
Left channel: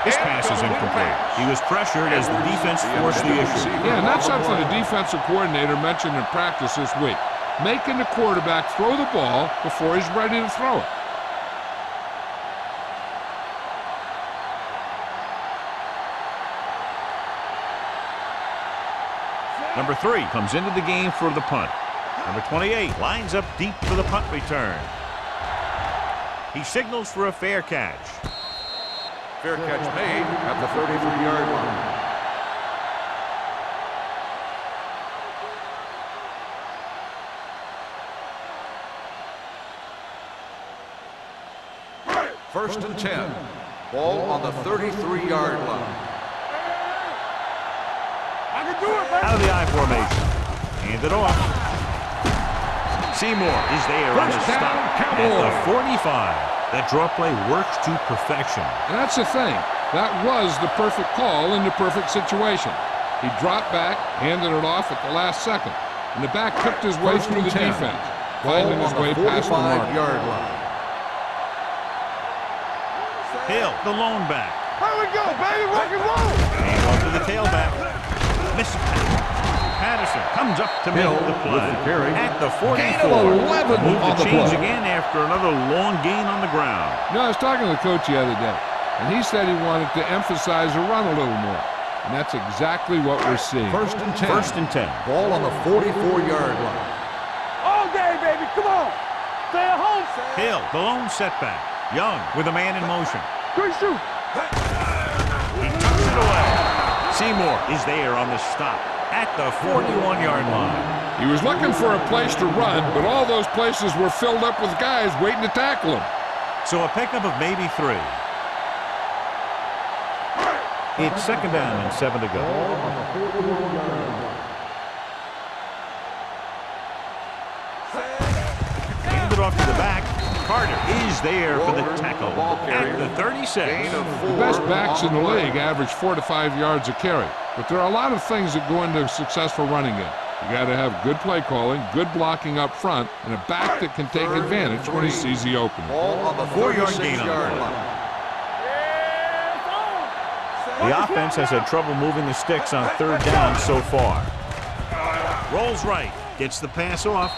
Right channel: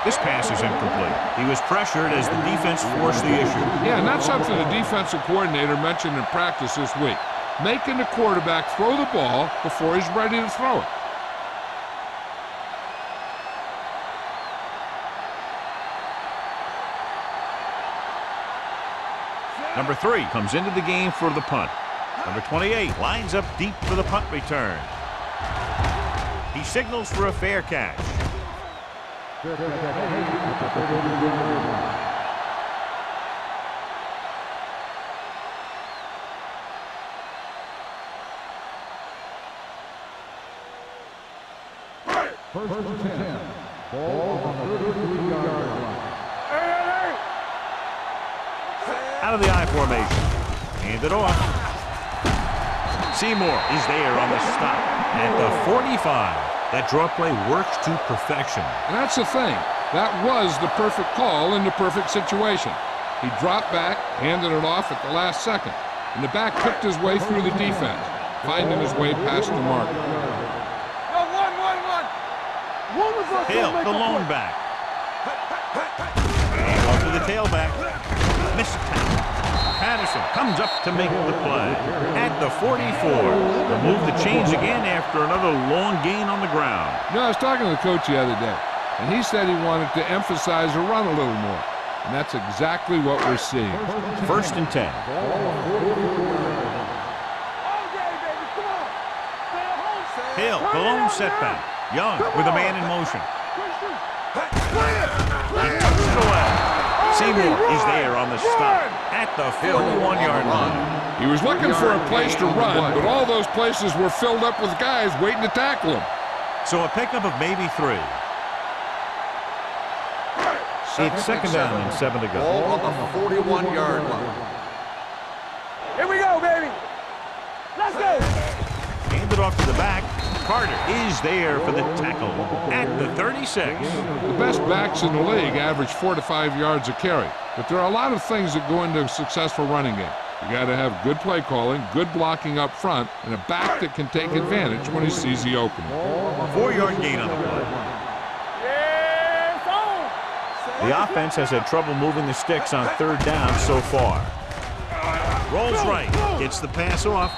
This pass is incomplete. He was pressured as the defense forced the issue. Yeah, and that's something the defensive coordinator mentioned in practice this week. Making the quarterback throw the ball before he's ready to throw it. Number 3 comes into the game for the punt. Number 28 lines up deep for the punt return. He signals for a fair catch. Fair catch made at the 33-yard line. First and 10. Ball on the 33-yard line. Out of the I formation. Hand it off. Seymour is there on the stop at the 45. That draw play works to perfection. And that's the thing. That was the perfect call in the perfect situation. He dropped back, handed it off at the last second. And the back picked his way through the defense, finding his way past the mark. Hill, the lone back. Hand off to the tailback. Missed tackle. Patterson comes up to make the play at the 44. The move to change again after another long gain on the ground. You know, I was talking to the coach the other day, and he said he wanted to emphasize the run a little more. And that's exactly what we're seeing. First and 10. Ball on the 44-yard line. All day, baby. Come on. Stay at home. Hill, the lone setback. Young with a man in motion. Quick shoot. He tucks it away. Seymour is there on the stop at the 41-yard line. He was looking for a place to run, but all those places were filled up with guys waiting to tackle him. So a pickup of maybe 3. It's second down and 7 to go. Ball on the 41-yard line. Here we go, baby. Let's go. Hand it off to the back. Carter is there for the tackle at the 36. The best backs in the league average 4 to 5 yards a carry, but there are a lot of things that go into a successful running game. You got to have good play calling, good blocking up front, and a back that can take advantage when he sees the opening. 4-yard gain on the play. The offense has had trouble moving the sticks on third down so far. Rolls right, gets the pass off.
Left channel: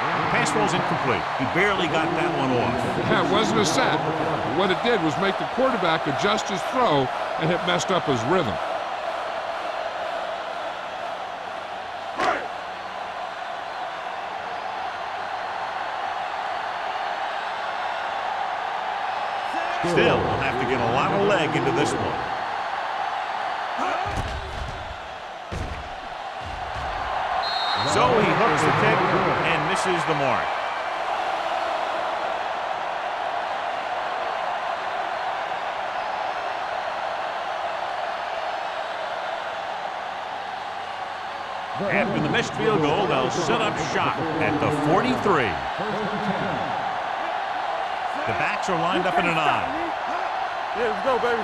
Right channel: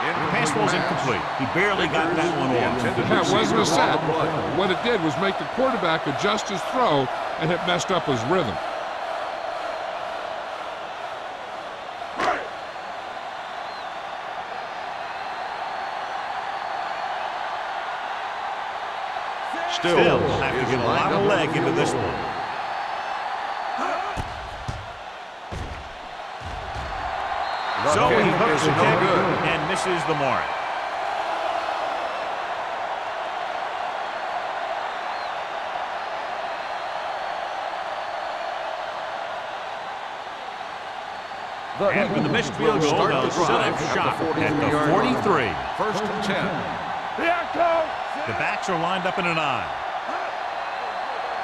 The pass ball's incomplete. He barely got that one off. Yeah, it wasn't a sack. What it did was make the quarterback adjust his throw, and it messed up his rhythm. Still, we'll have to get a lot of leg into this one. So he hooks the kick and misses the mark. After the missed field goal, they'll set up shop at the 43. First and 10. The backs are lined up in an I. Let's go, baby.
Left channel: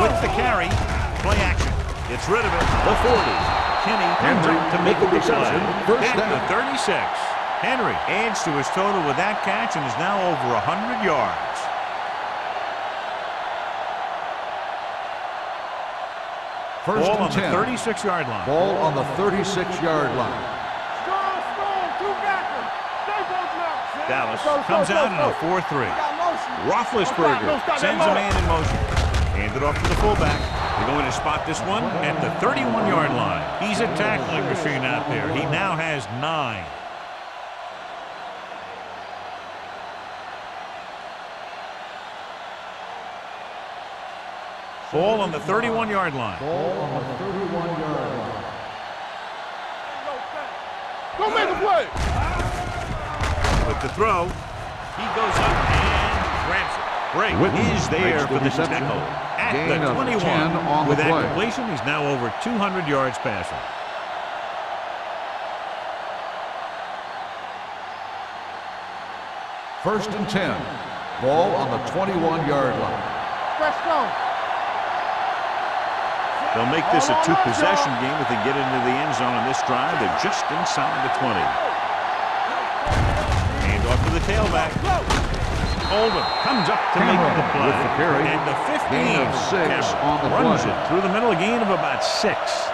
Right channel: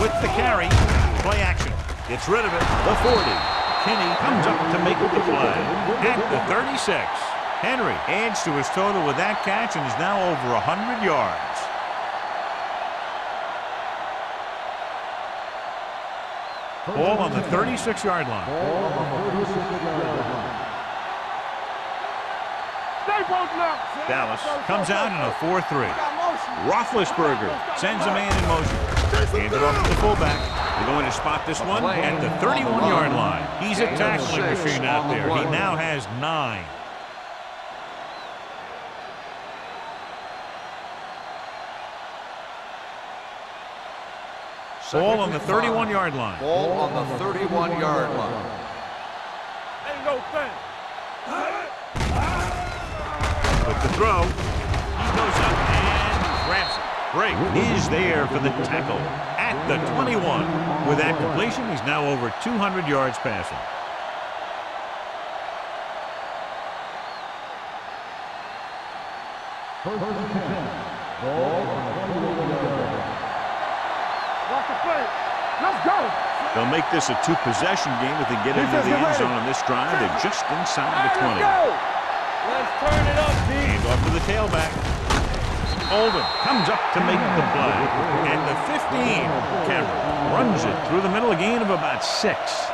With the carry, play action. Gets rid of it. The 40. Kinney comes up to make the play at the 36. Henry adds to his total with that catch and is now over 100 yards. Ball on the 36-yard line. Ball on the 36-yard line. Dallas comes out in a 4-3. Roethlisberger sends a man in motion. Hand it off to the fullback. They're going to spot this one at the 31-yard line. He's a tackling machine out there. He now has 9. Ball on the 31-yard line. Ball on the 31-yard line. Ain't no thing. Go make a play. With the throw, he goes up and grabs it. Break is there for the tackle at the 21. With that completion, he's now over 200 yards passing. First and 10. Ball on the 21-yard line. Let's go. Watch the play. Let's go. They'll make this a 2-possession game if they get into the end zone on this drive. They're just inside the 20. Let's turn it up, D. Hand off to the tailback. Oldham comes up to make the play. And the 15, Cameron runs it through the middle, a gain of about 6.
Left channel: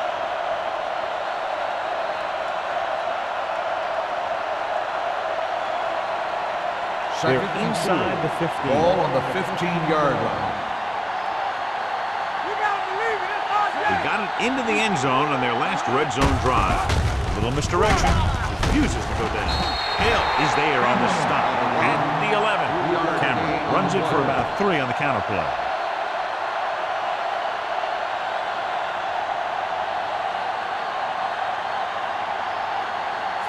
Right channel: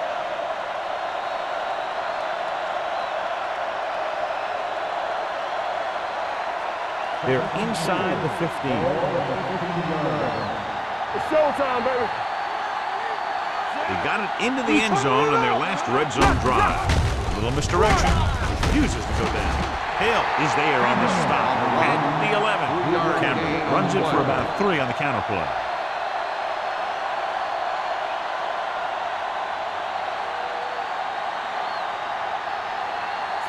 They're inside the 15. Ball on the 15-yard line. It's showtime, baby. You gotta believe it. It's our They got it into the end zone on their last red zone drive. A little misdirection. Refuses to go down. Hill is there on the stop at the 11. Cameron runs it for about 3 on the counter play.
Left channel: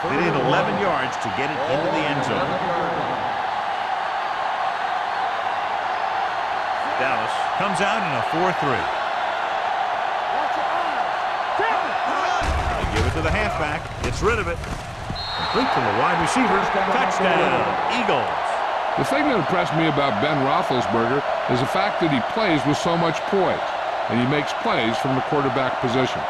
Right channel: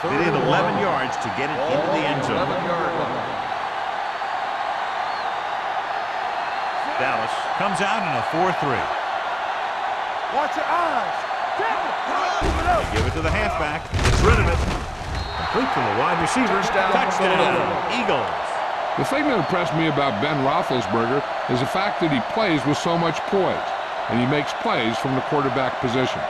They need 11 yards to get it into the end zone. 11-yard line. Dallas comes out in a 4-3. Watch your eyes. Tap it. They give it to the halfback. Gets rid of it. Complete to the wide receiver. Touchdown, Eagles. The thing that impressed me about Ben Roethlisberger is the fact that he plays with so much poise, and he makes plays from the quarterback position.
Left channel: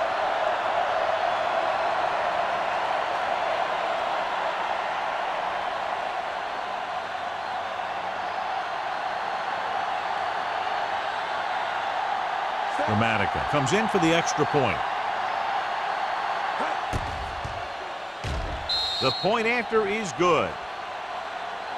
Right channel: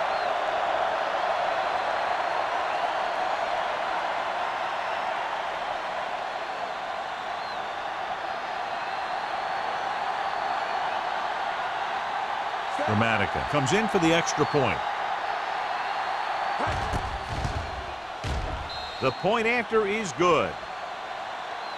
Dramatica comes in for the extra point. The point after is good.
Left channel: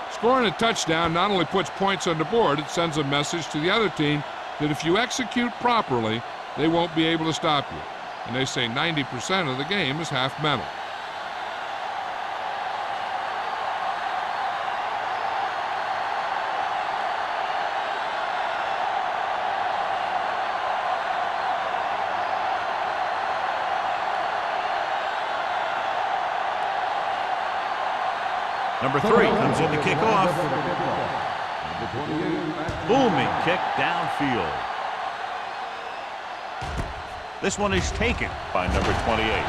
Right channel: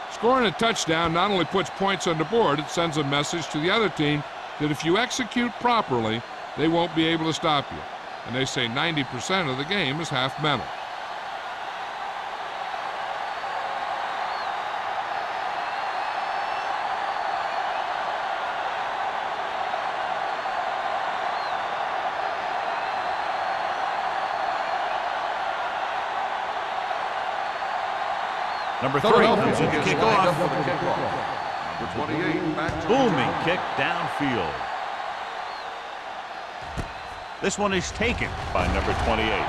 Scoring a touchdown not only puts points on the board, it sends a message to the other team that if you execute properly, they won't be able to stop you. And they say 90% of the game is half mental. Number 3 comes in to kick off. Booming kick downfield. This one is taken by number 28.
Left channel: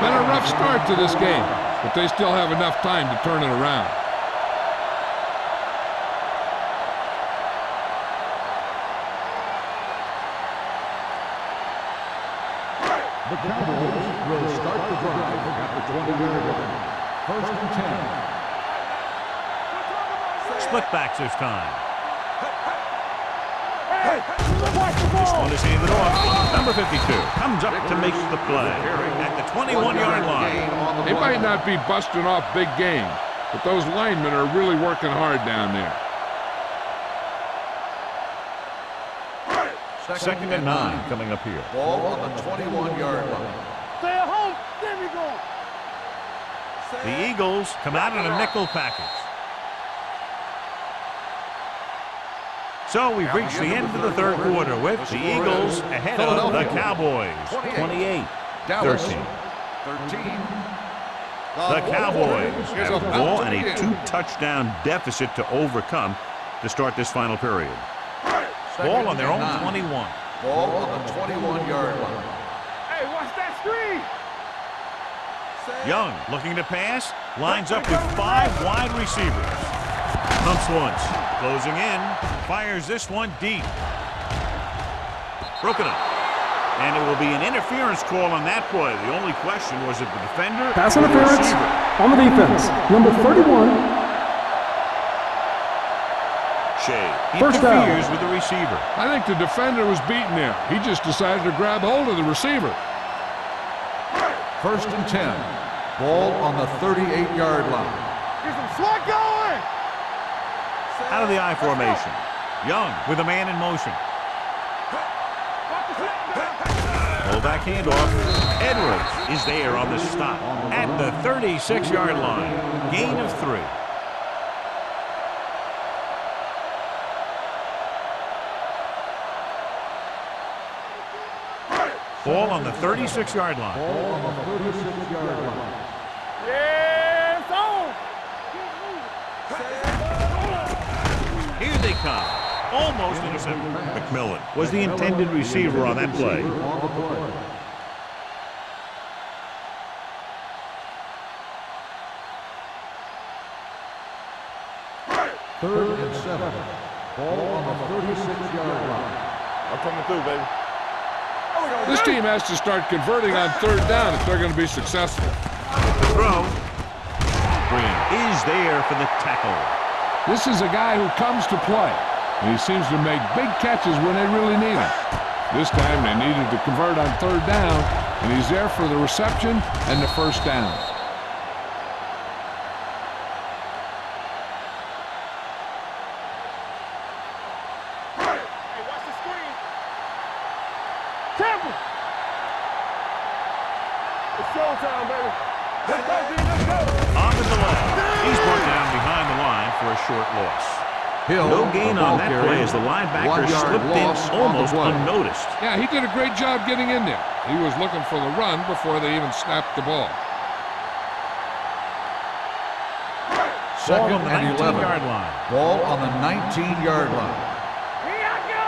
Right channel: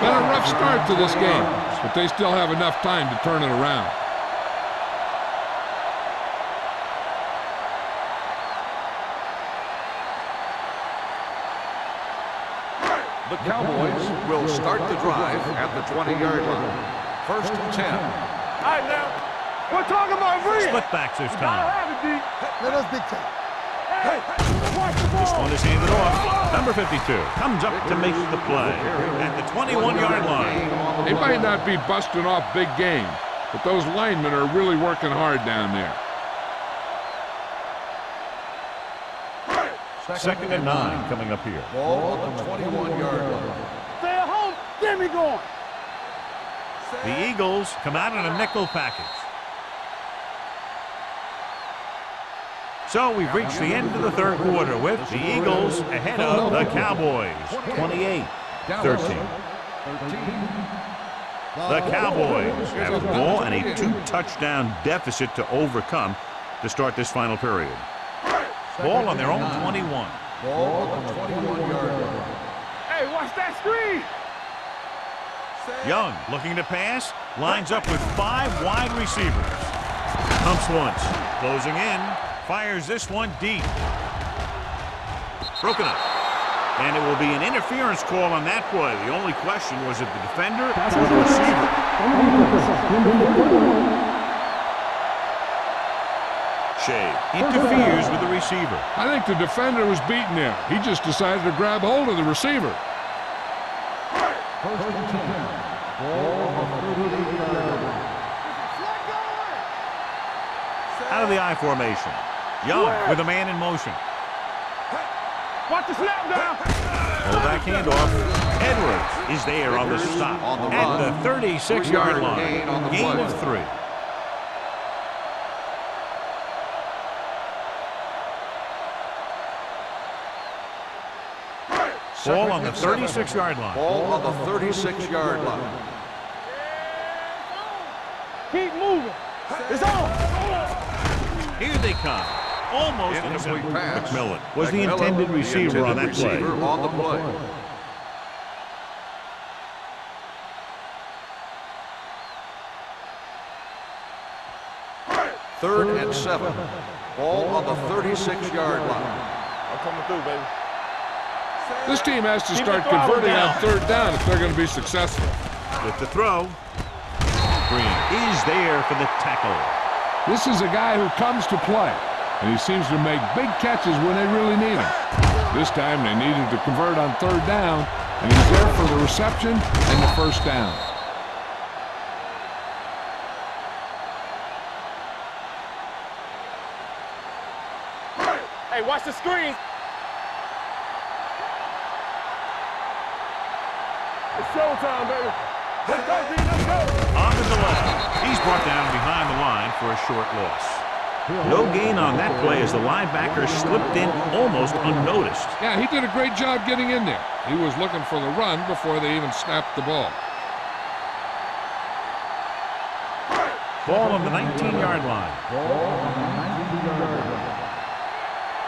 Been a rough start to this game, but they still have enough time to turn it around. The Cowboys will start the drive at the 20-yard line. 1st and 10. All right, now. We're talking about real. Split backs this time. Let us big time. Hey, watch the This ball. one is handed off. Number 52 comes up to make the play at the 21-yard line. They might not be busting off big games, but those linemen are really working hard down there. 2nd and 9 coming up here. Ball on the 21-yard line. Stay at home. Get me going. The Eagles come out in a nickel package. So we've reached the end of the 3rd quarter with the Eagles ahead of the Cowboys, 28-13. 13. The Cowboys have the ball and a 2-touchdown deficit to overcome to start this final period. Ball on their own 21. Ball on the 21-yard line. Hey, watch that screen. Young looking to pass, lines up with 5 wide receivers. Pumps once, closing in, fires this one deep. Broken up. And it will be an interference call on that play. The only question was if the defender Pass or the interference receiver. on the defense. Number 31. Shea First down. interferes with the receiver. I think the defender was beaten there. He just decided to grab hold of the receiver. 1st and 10. Ball on the 38-yard line. Get some slot going. Out of the I formation. Young with a man in motion. Watch the snap down. Fullback handoff. Edwards is there on the stop at the 36-yard line. Gain of 3. Ball on the 36-yard line. Ball on the 36-yard line. Yeah, it's on. Keep moving. It's on. Here they come. Almost intercepted. McMillan was the intended receiver on that play. On the play. Third and 7. Ball on the 36-yard line. I'm coming through, baby. This team has to start converting on 3rd down if they're going to be successful. With the throw. Green is there for the tackle. This is a guy who comes to play, and he seems to make big catches when they really need him. This time they needed to convert on 3rd down, and he's there for the reception and the 1st down. Hey, watch the screen. Temple. It's showtime, baby. Let's go, D. Let's go. On the delay. He's brought down behind the line for a short loss. No gain on that play as the linebacker slipped in almost unnoticed. Yeah, he did a great job getting in there. He was looking for the run before they even snapped the ball. Ball on the 19-yard line. Ball on the 19-yard line. Here I go.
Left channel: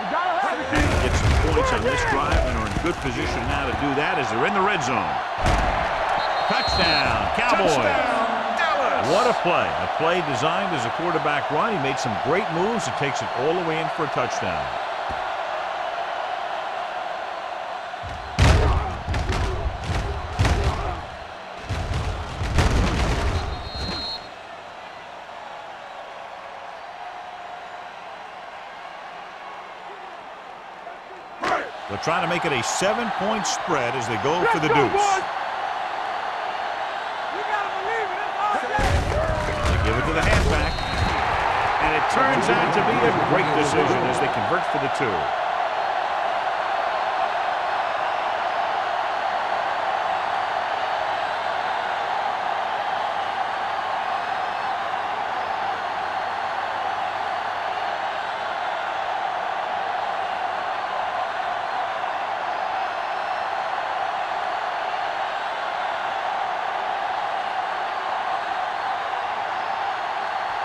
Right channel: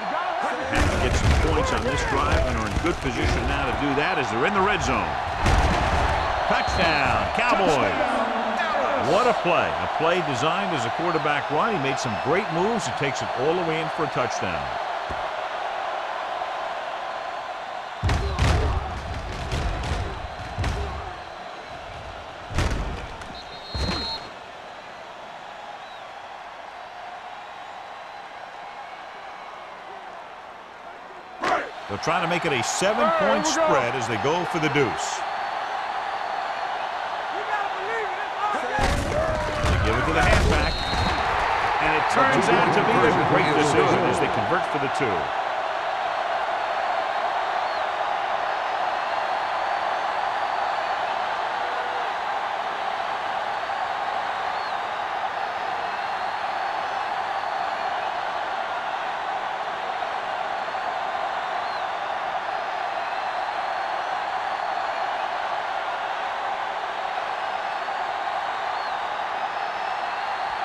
You gotta have it. Had to get some points on this drive and are in good position now to do that as they're in the red zone. Touchdown, Cowboys. What a play. A play designed as a quarterback run. He made some great moves. He takes it all the way in for a touchdown. They'll try to make it a 7-point spread as they go for the deuce. Give it to the halfback. And it turns out to be a great decision as they convert for the 2.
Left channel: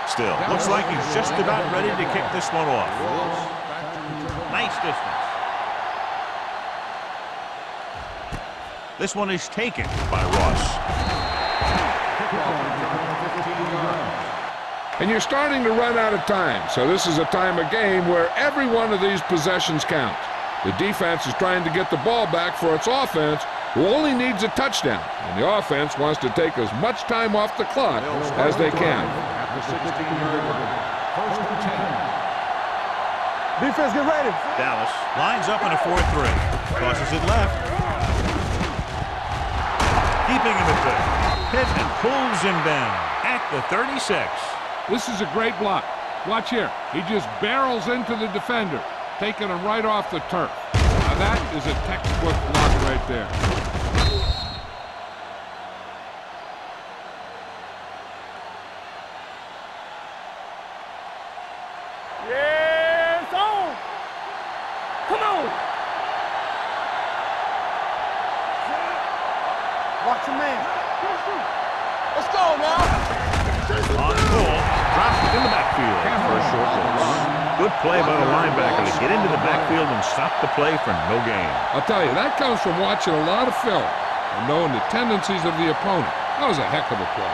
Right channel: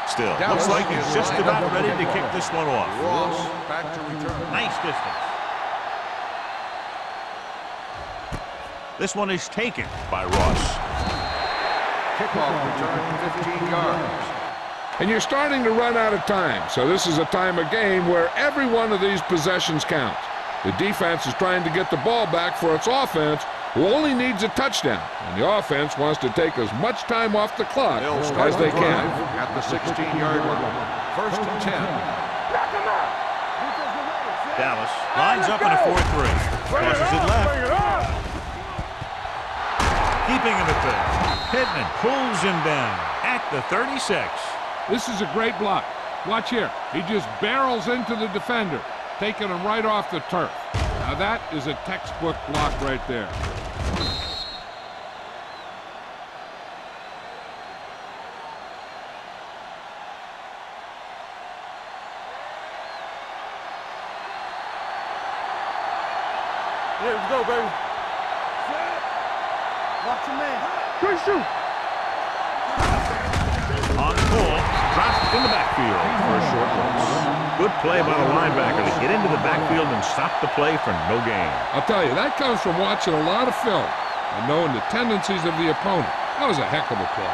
Still, looks like he's just about ready to kick this one off. Ross back to return. Nice distance. This one is taken by Ross. Kickoff return 15 yards. And you're starting to run out of time, so this is a time of game where every one of these possessions counts. The defense is trying to get the ball back for its offense, who only needs a touchdown, and the offense wants to take as much time off the clock as they can. At the 16-yard line. First and 10. Defense, get ready. Dallas lines up in a 4-3. Crosses it left. Keeping him at third. Pittman pulls him down at the 36. This is a great block. Watch here. He just barrels into the defender, taking him right off the turf. Now that is a textbook block right there. Yes, on. Come on. Yeah, let's go, baby. Watch your man. Good shoot. Let's go, man. On the pull, dropped in the backfield for a short loss. Good play by the linebacker to get into the backfield and stop the play for no gain. I'll tell you, that comes from watching a lot of film and knowing the tendencies of the opponent. That was a heck of a play.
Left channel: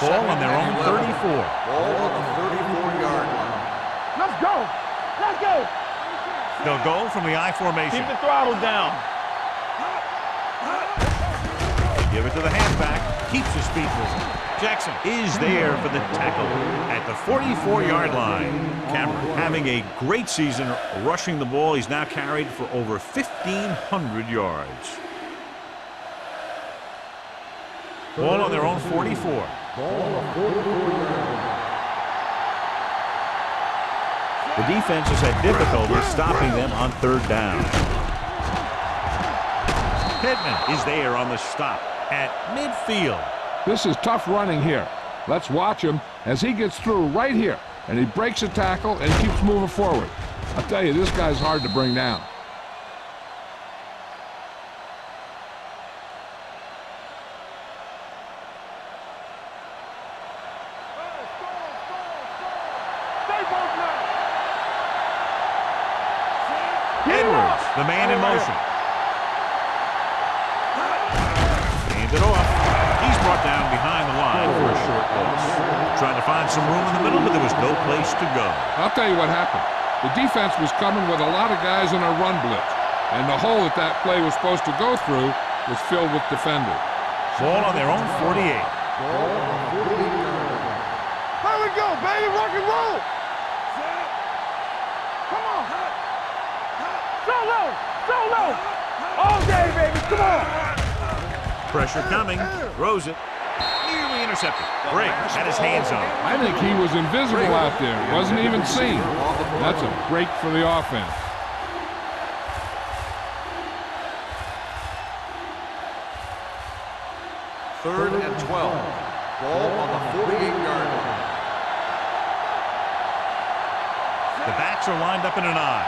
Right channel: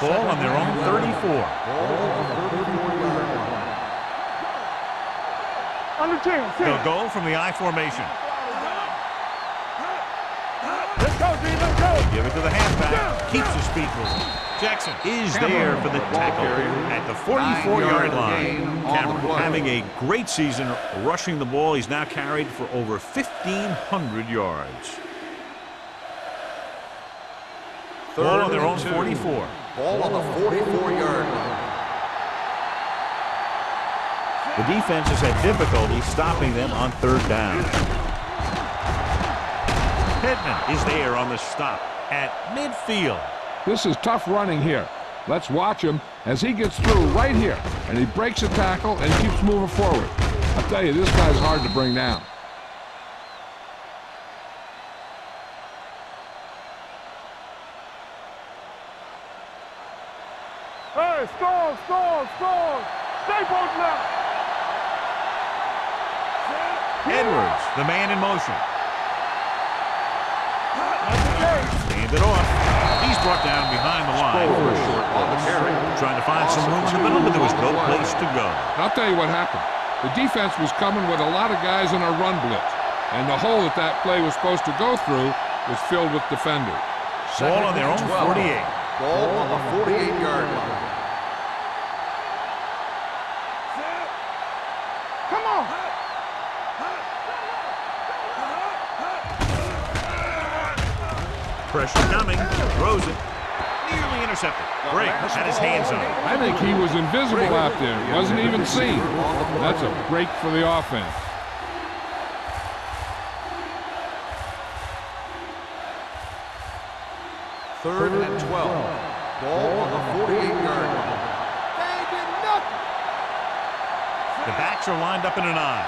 Ball on their own 34. Ball on the 34-yard line. Let's go. Let's go. Under 10. They'll go from the I formation. Keep the throttle down. Let's go, D. Let's go. Give it to the halfback. Keeps his feet moving. Jackson is there for the tackle at the 44-yard line. Cameron having a great season rushing the ball. He's now carried for over 1,500 yards. Ball on their own 44. Ball on the 44-yard line. The defense has had difficulty stopping them on third down. Pittman is there on the stop at midfield. This is tough running here. Let's watch him as he gets through right here, and he breaks a tackle and keeps moving forward. I'll tell you, this guy's hard to bring down. Hey, score. Stay both now. Edwards, the man in motion. Hand it off. He's brought down behind the line for a short loss. Trying to find some room in the middle, but there was no place to go. I'll tell you what happened. The defense was coming with a lot of guys in a run blitz, and the hole that play was supposed to go through was filled with defenders. Ball on their own 48. Ball on the 48-yard line. Here we go, baby. Rock and roll. Come on. Solo. All day, baby. Come on. Pressure coming. Throws it. Nearly intercepted. Briggs had his hands on it. I think he was invisible out there. Wasn't even seen. That's a break for the offense. Third and 12. Ball on the 48-yard line. The backs are lined up in an I.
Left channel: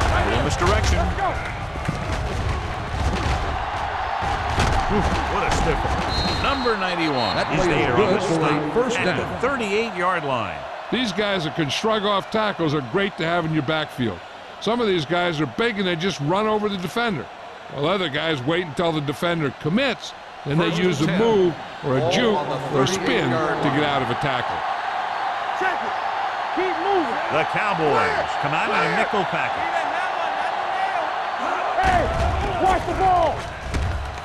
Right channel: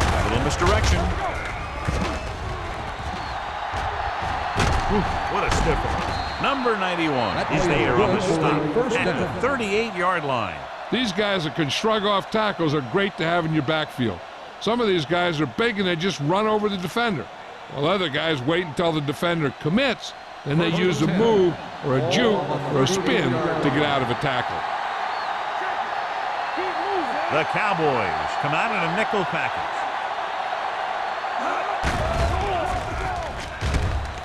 A little misdirection. Ooh, what a stiff arm. Number 91 is there on the stop at the 38-yard line. These guys that can shrug off tackles are great to have in your backfield. Some of these guys are big and they just run over the defender, while other guys wait until the defender commits, then they use a move or a juke or a spin to get out of a tackle. Check it. Keep moving. The Cowboys come out in a nickel package.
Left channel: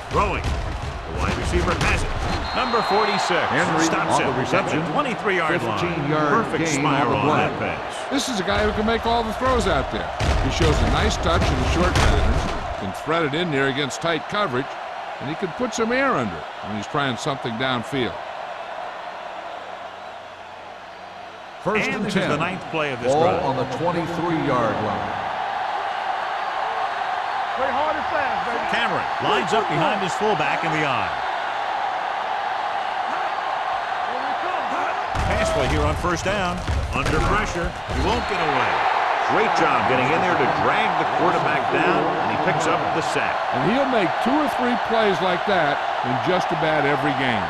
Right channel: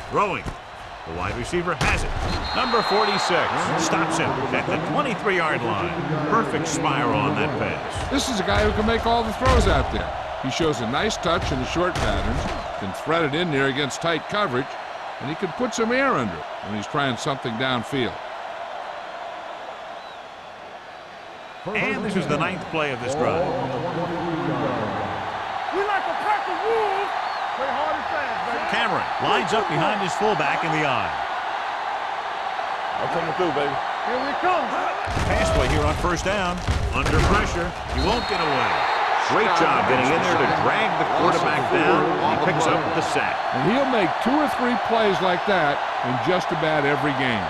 Throwing. The wide receiver has it. Number 46 stops him at the 23-yard line. Perfect spiral on that pass. This is a guy who can make all the throws out there. He shows a nice touch in the short patterns, can thread it in there against tight coverage, and he can put some air under it when he's trying something downfield. And this is the 9th play of this drive. Ball on the 23-yard line. We like to practice rules. Play hard and fast, baby. Cameron lines up behind his fullback in the I. Here we come. Pass play here on first down. Under pressure. He won't get away. Great job getting in there to drag the quarterback down, and he picks up the sack. And he'll make 2 or 3 plays like that in just about every game.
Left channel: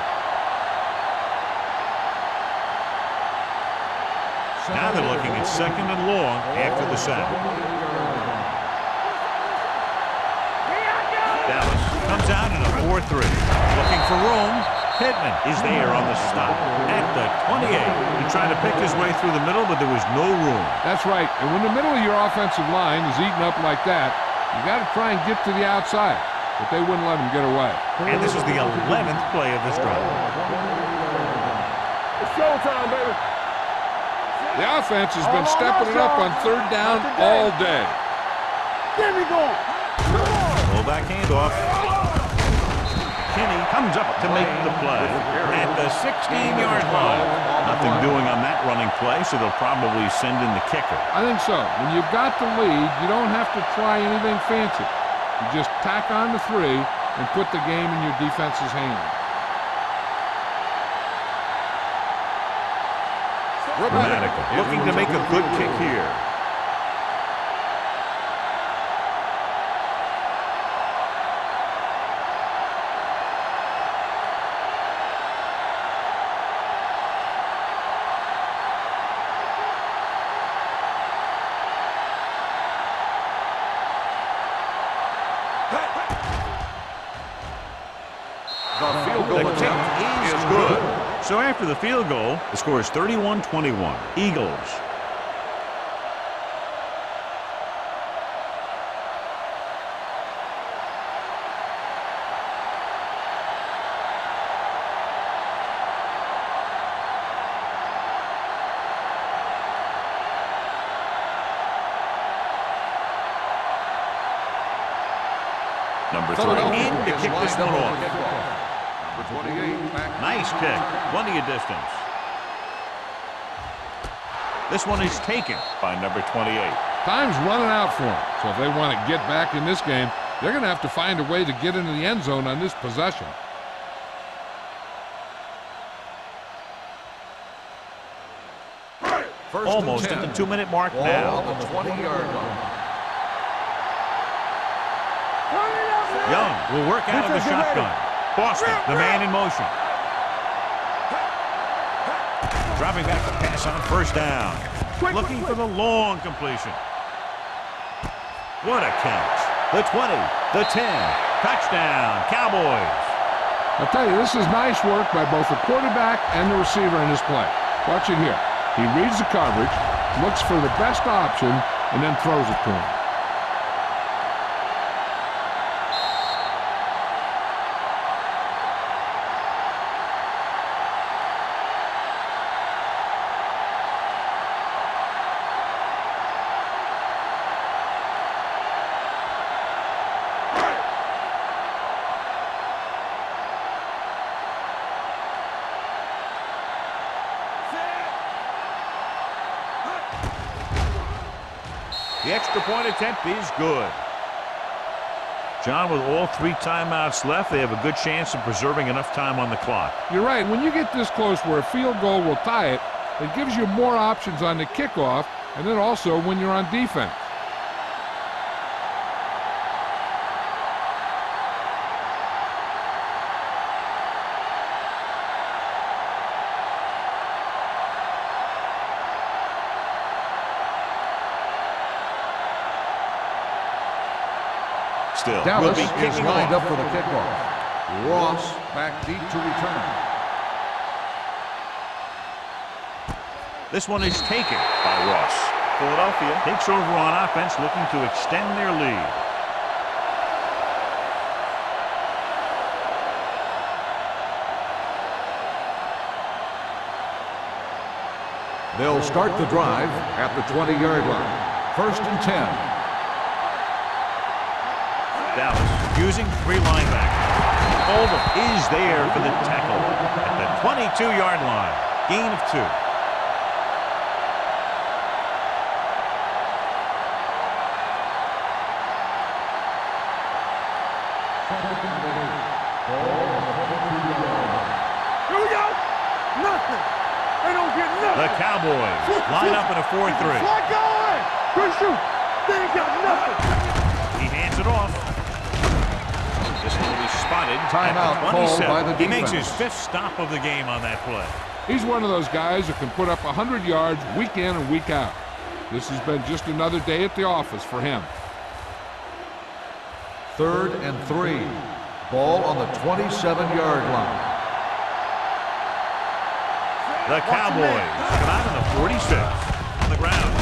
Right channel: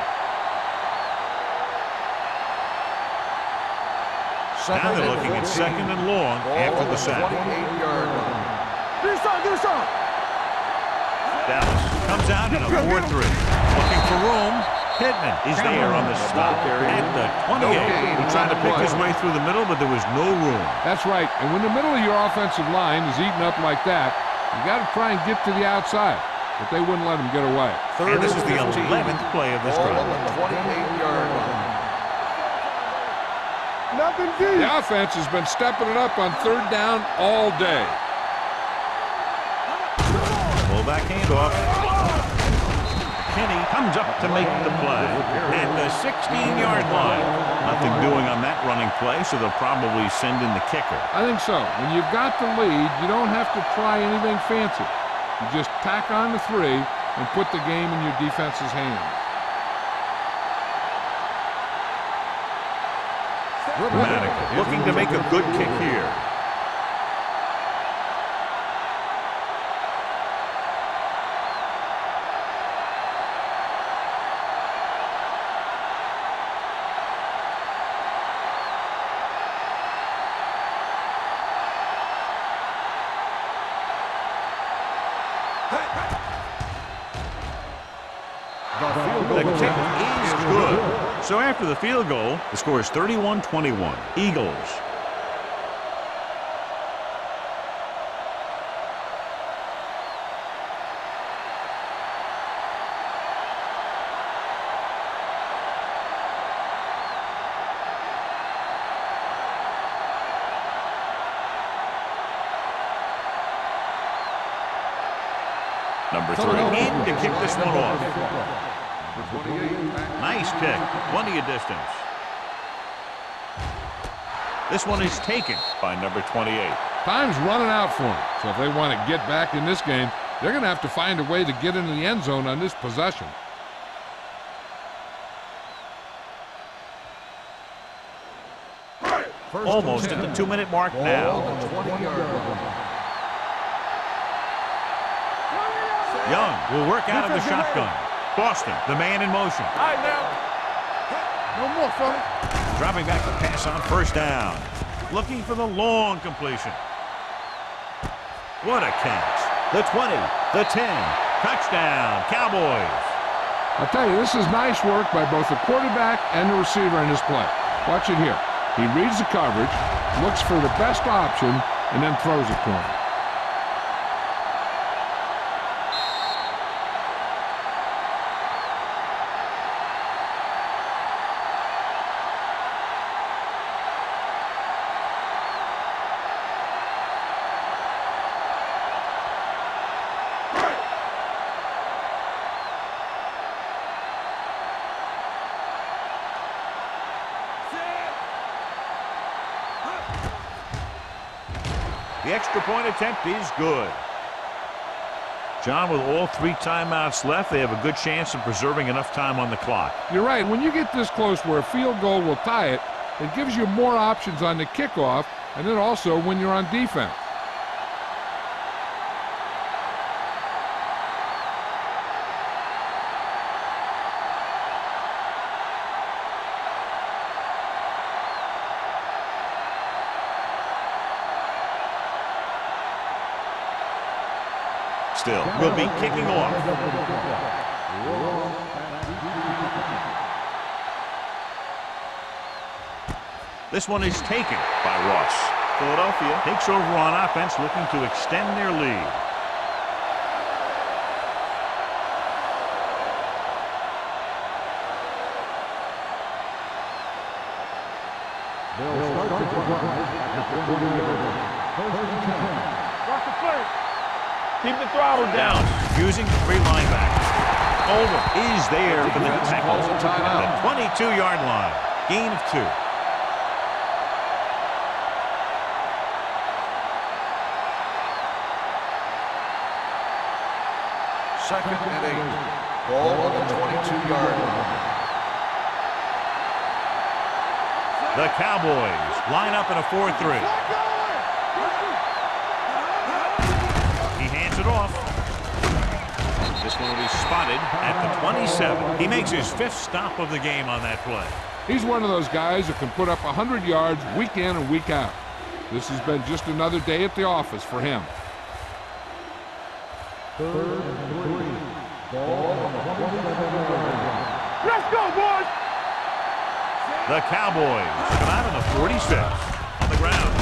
Now they're looking at 2nd and long after the sack. Dallas comes out in a 4-3. Looking for room. Pittman is there on the stop at the 28. He tried to pick his way through the middle, but there was no room. That's right. And when the middle of your offensive line is eaten up like that, you got to try and get to the outside. But they wouldn't let him get away. And this is the 11th play of this drive. The offense has been stepping it up on 3rd down all day. Fullback handoff. McKinney comes up to make the play at the 16-yard line. Nothing doing on that running play, so they'll probably send in the kicker. I think so. When you've got the lead, you don't have to try anything fancy. You just tack on the 3 and put the game in your defense's hands. Dramatica looking to make a good kick here. The kick is good. So after the field goal, the score is 31-21. Eagles. Number 3 in to kick this one off. Number 28. Nice kick. Plenty of distance. This one is taken by number 28. Time's running out for them. So if they want to get back in this game, they're going to have to find a way to get into the end zone on this possession. Almost at the 2-minute mark now. On the 20-yard line. Young will work out of the shotgun. Boston, the man in motion. Dropping back to pass on 1st down. Looking for the long completion. What a catch. The 20, the 10. Touchdown, Cowboys. I'll tell you, this is nice work by both the quarterback and the receiver in this play. Watch it here. He reads the coverage, looks for the best option, and then throws it to him. The extra point attempt is good. John, with all 3 timeouts left, they have a good chance of preserving enough time on the clock. You're right. When you get this close where a field goal will tie it, it gives you more options on the kickoff and then also when you're on defense. Still, Dallas will be kicking lined off. up for the kickoff. Ross back deep to return. This one is taken by Ross. Philadelphia takes over on offense, looking to extend their lead. They'll start the drive at the 20-yard line. 1st and 10. Keep the throttle down. Dallas using 3 linebackers. Over is there for the tackle at the 22-yard line. Gain of 2. Second and 8. Ball on the 22-yard line. Here we go. Nothing. They don't get nothing. The Cowboys line up in a 4-3. Flag going. Good shoot. They ain't got nothing. He hands it off. This one will be spotted at the 27. He makes his 5th stop of the game on that play. He's one of those guys that can put up 100 yards week in and week out. This has been just another day at the office for him. 3rd and 3. Ball on the 27-yard line. Let's go, boys! The Cowboys come out on the 46 on the ground.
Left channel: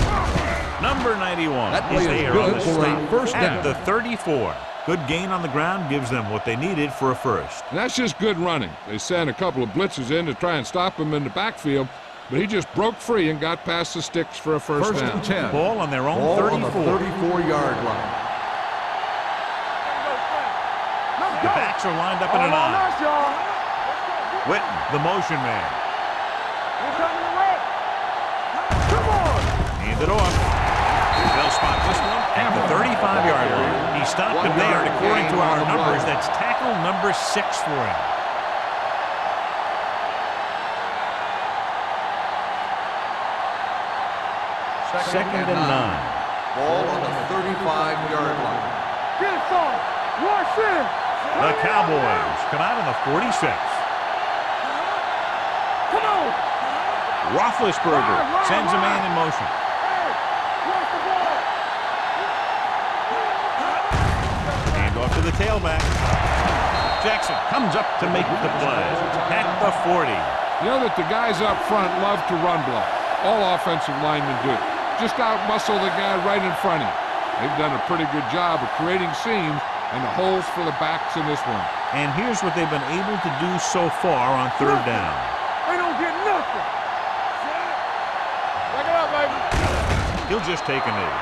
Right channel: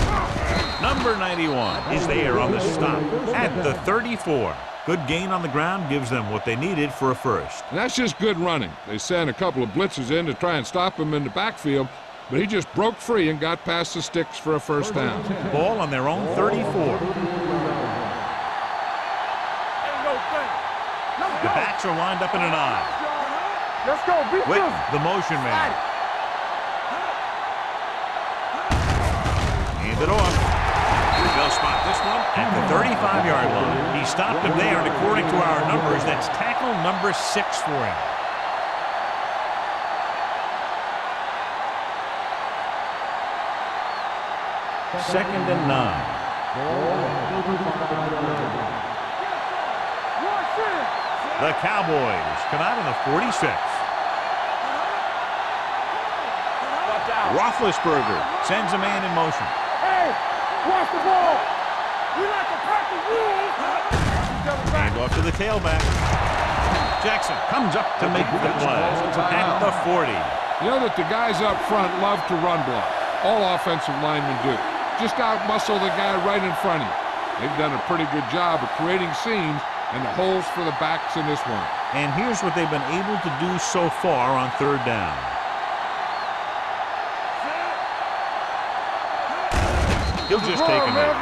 Number 91 is there on the stop at the 34. Good gain on the ground gives them what they needed for a first. And that's just good running. They sent a couple of blitzes in to try and stop him in the backfield, but he just broke free and got past the sticks for a first down. Ball on their own 34. 34-yard line. The backs are lined up in an eye. Let's go. Witten, the motion man. Hand it off. They'll spot this one at the 35-yard line. He stopped him there, and according to our numbers, that's tackle number 6 for him. Second and 9. Ball on the 35-yard line. Get it, son. Rush in. The Cowboys come out on the 46. Roethlisberger sends a man in motion. Hey, watch the ball. Hand off to the tailback. Jackson comes up to make the play at the 40. You know that the guys up front love to run block. All offensive linemen do. Just out-muscle the guy right in front of you. They've done a pretty good job of creating seams and the holes for the backs in this one. And here's what they've been able to do so far on 3rd down. They don't get nothing. He'll just take a knee.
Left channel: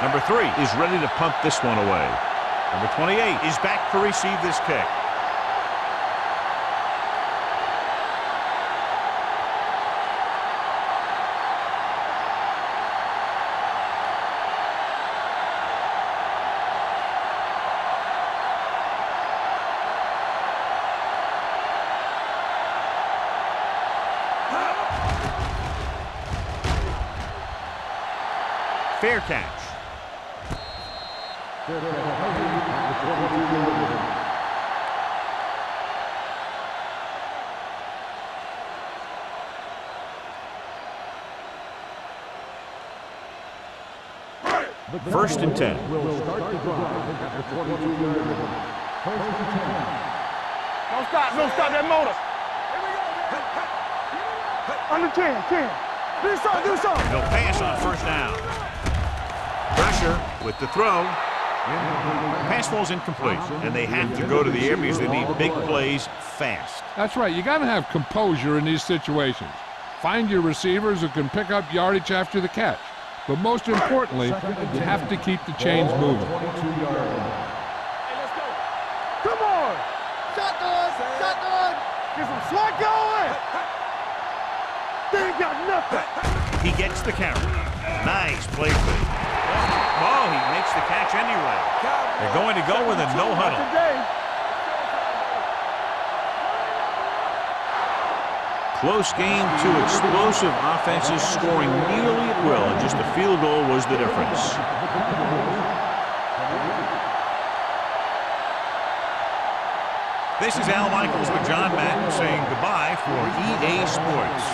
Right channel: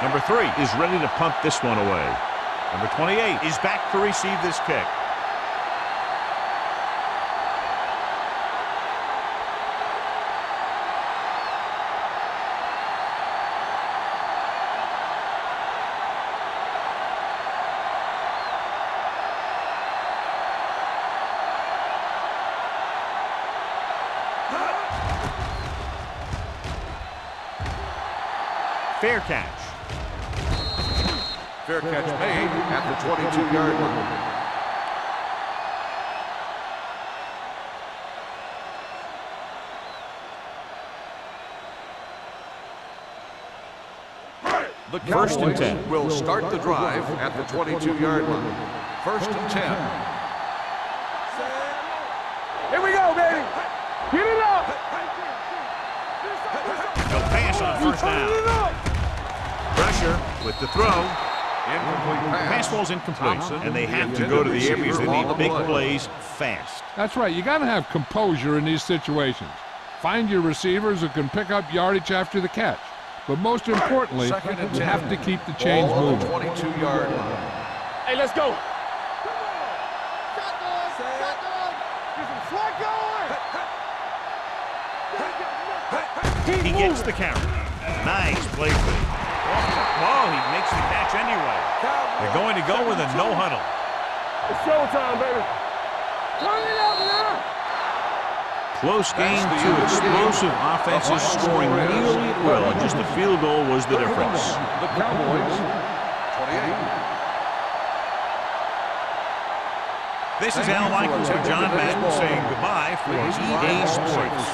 Number 3 is ready to punt this one away. Number 28 is back to receive this kick. Fair catch. Fair catch made at the 22-yard line. The 1st and 10. Will start the drive at the 22-yard line. 1st and 10. Don't stop that motor. Here we go, baby. Get it up. Under 10. They'll pass on 1st down. Pressure with the throw. Pass falls incomplete, and they have to go to the air because they need big plays fast. That's right. You got to have composure in these situations. Find your receivers who can pick up yardage after the catch. But most importantly, you have to keep the chains moving. Hey, let's go. Come on. Shotgun. Get some slack going. They ain't got nothing. He gets the carry. Nice play fake. Oh, he makes the catch anyway. They're going to go with a no huddle. It's showtime, baby. Turn it up now. Close game, 2 explosive offenses scoring nearly at will, and just a field goal was the difference. The Cowboys, 28. This is Al Michaels with John Madden saying goodbye for EA Sports.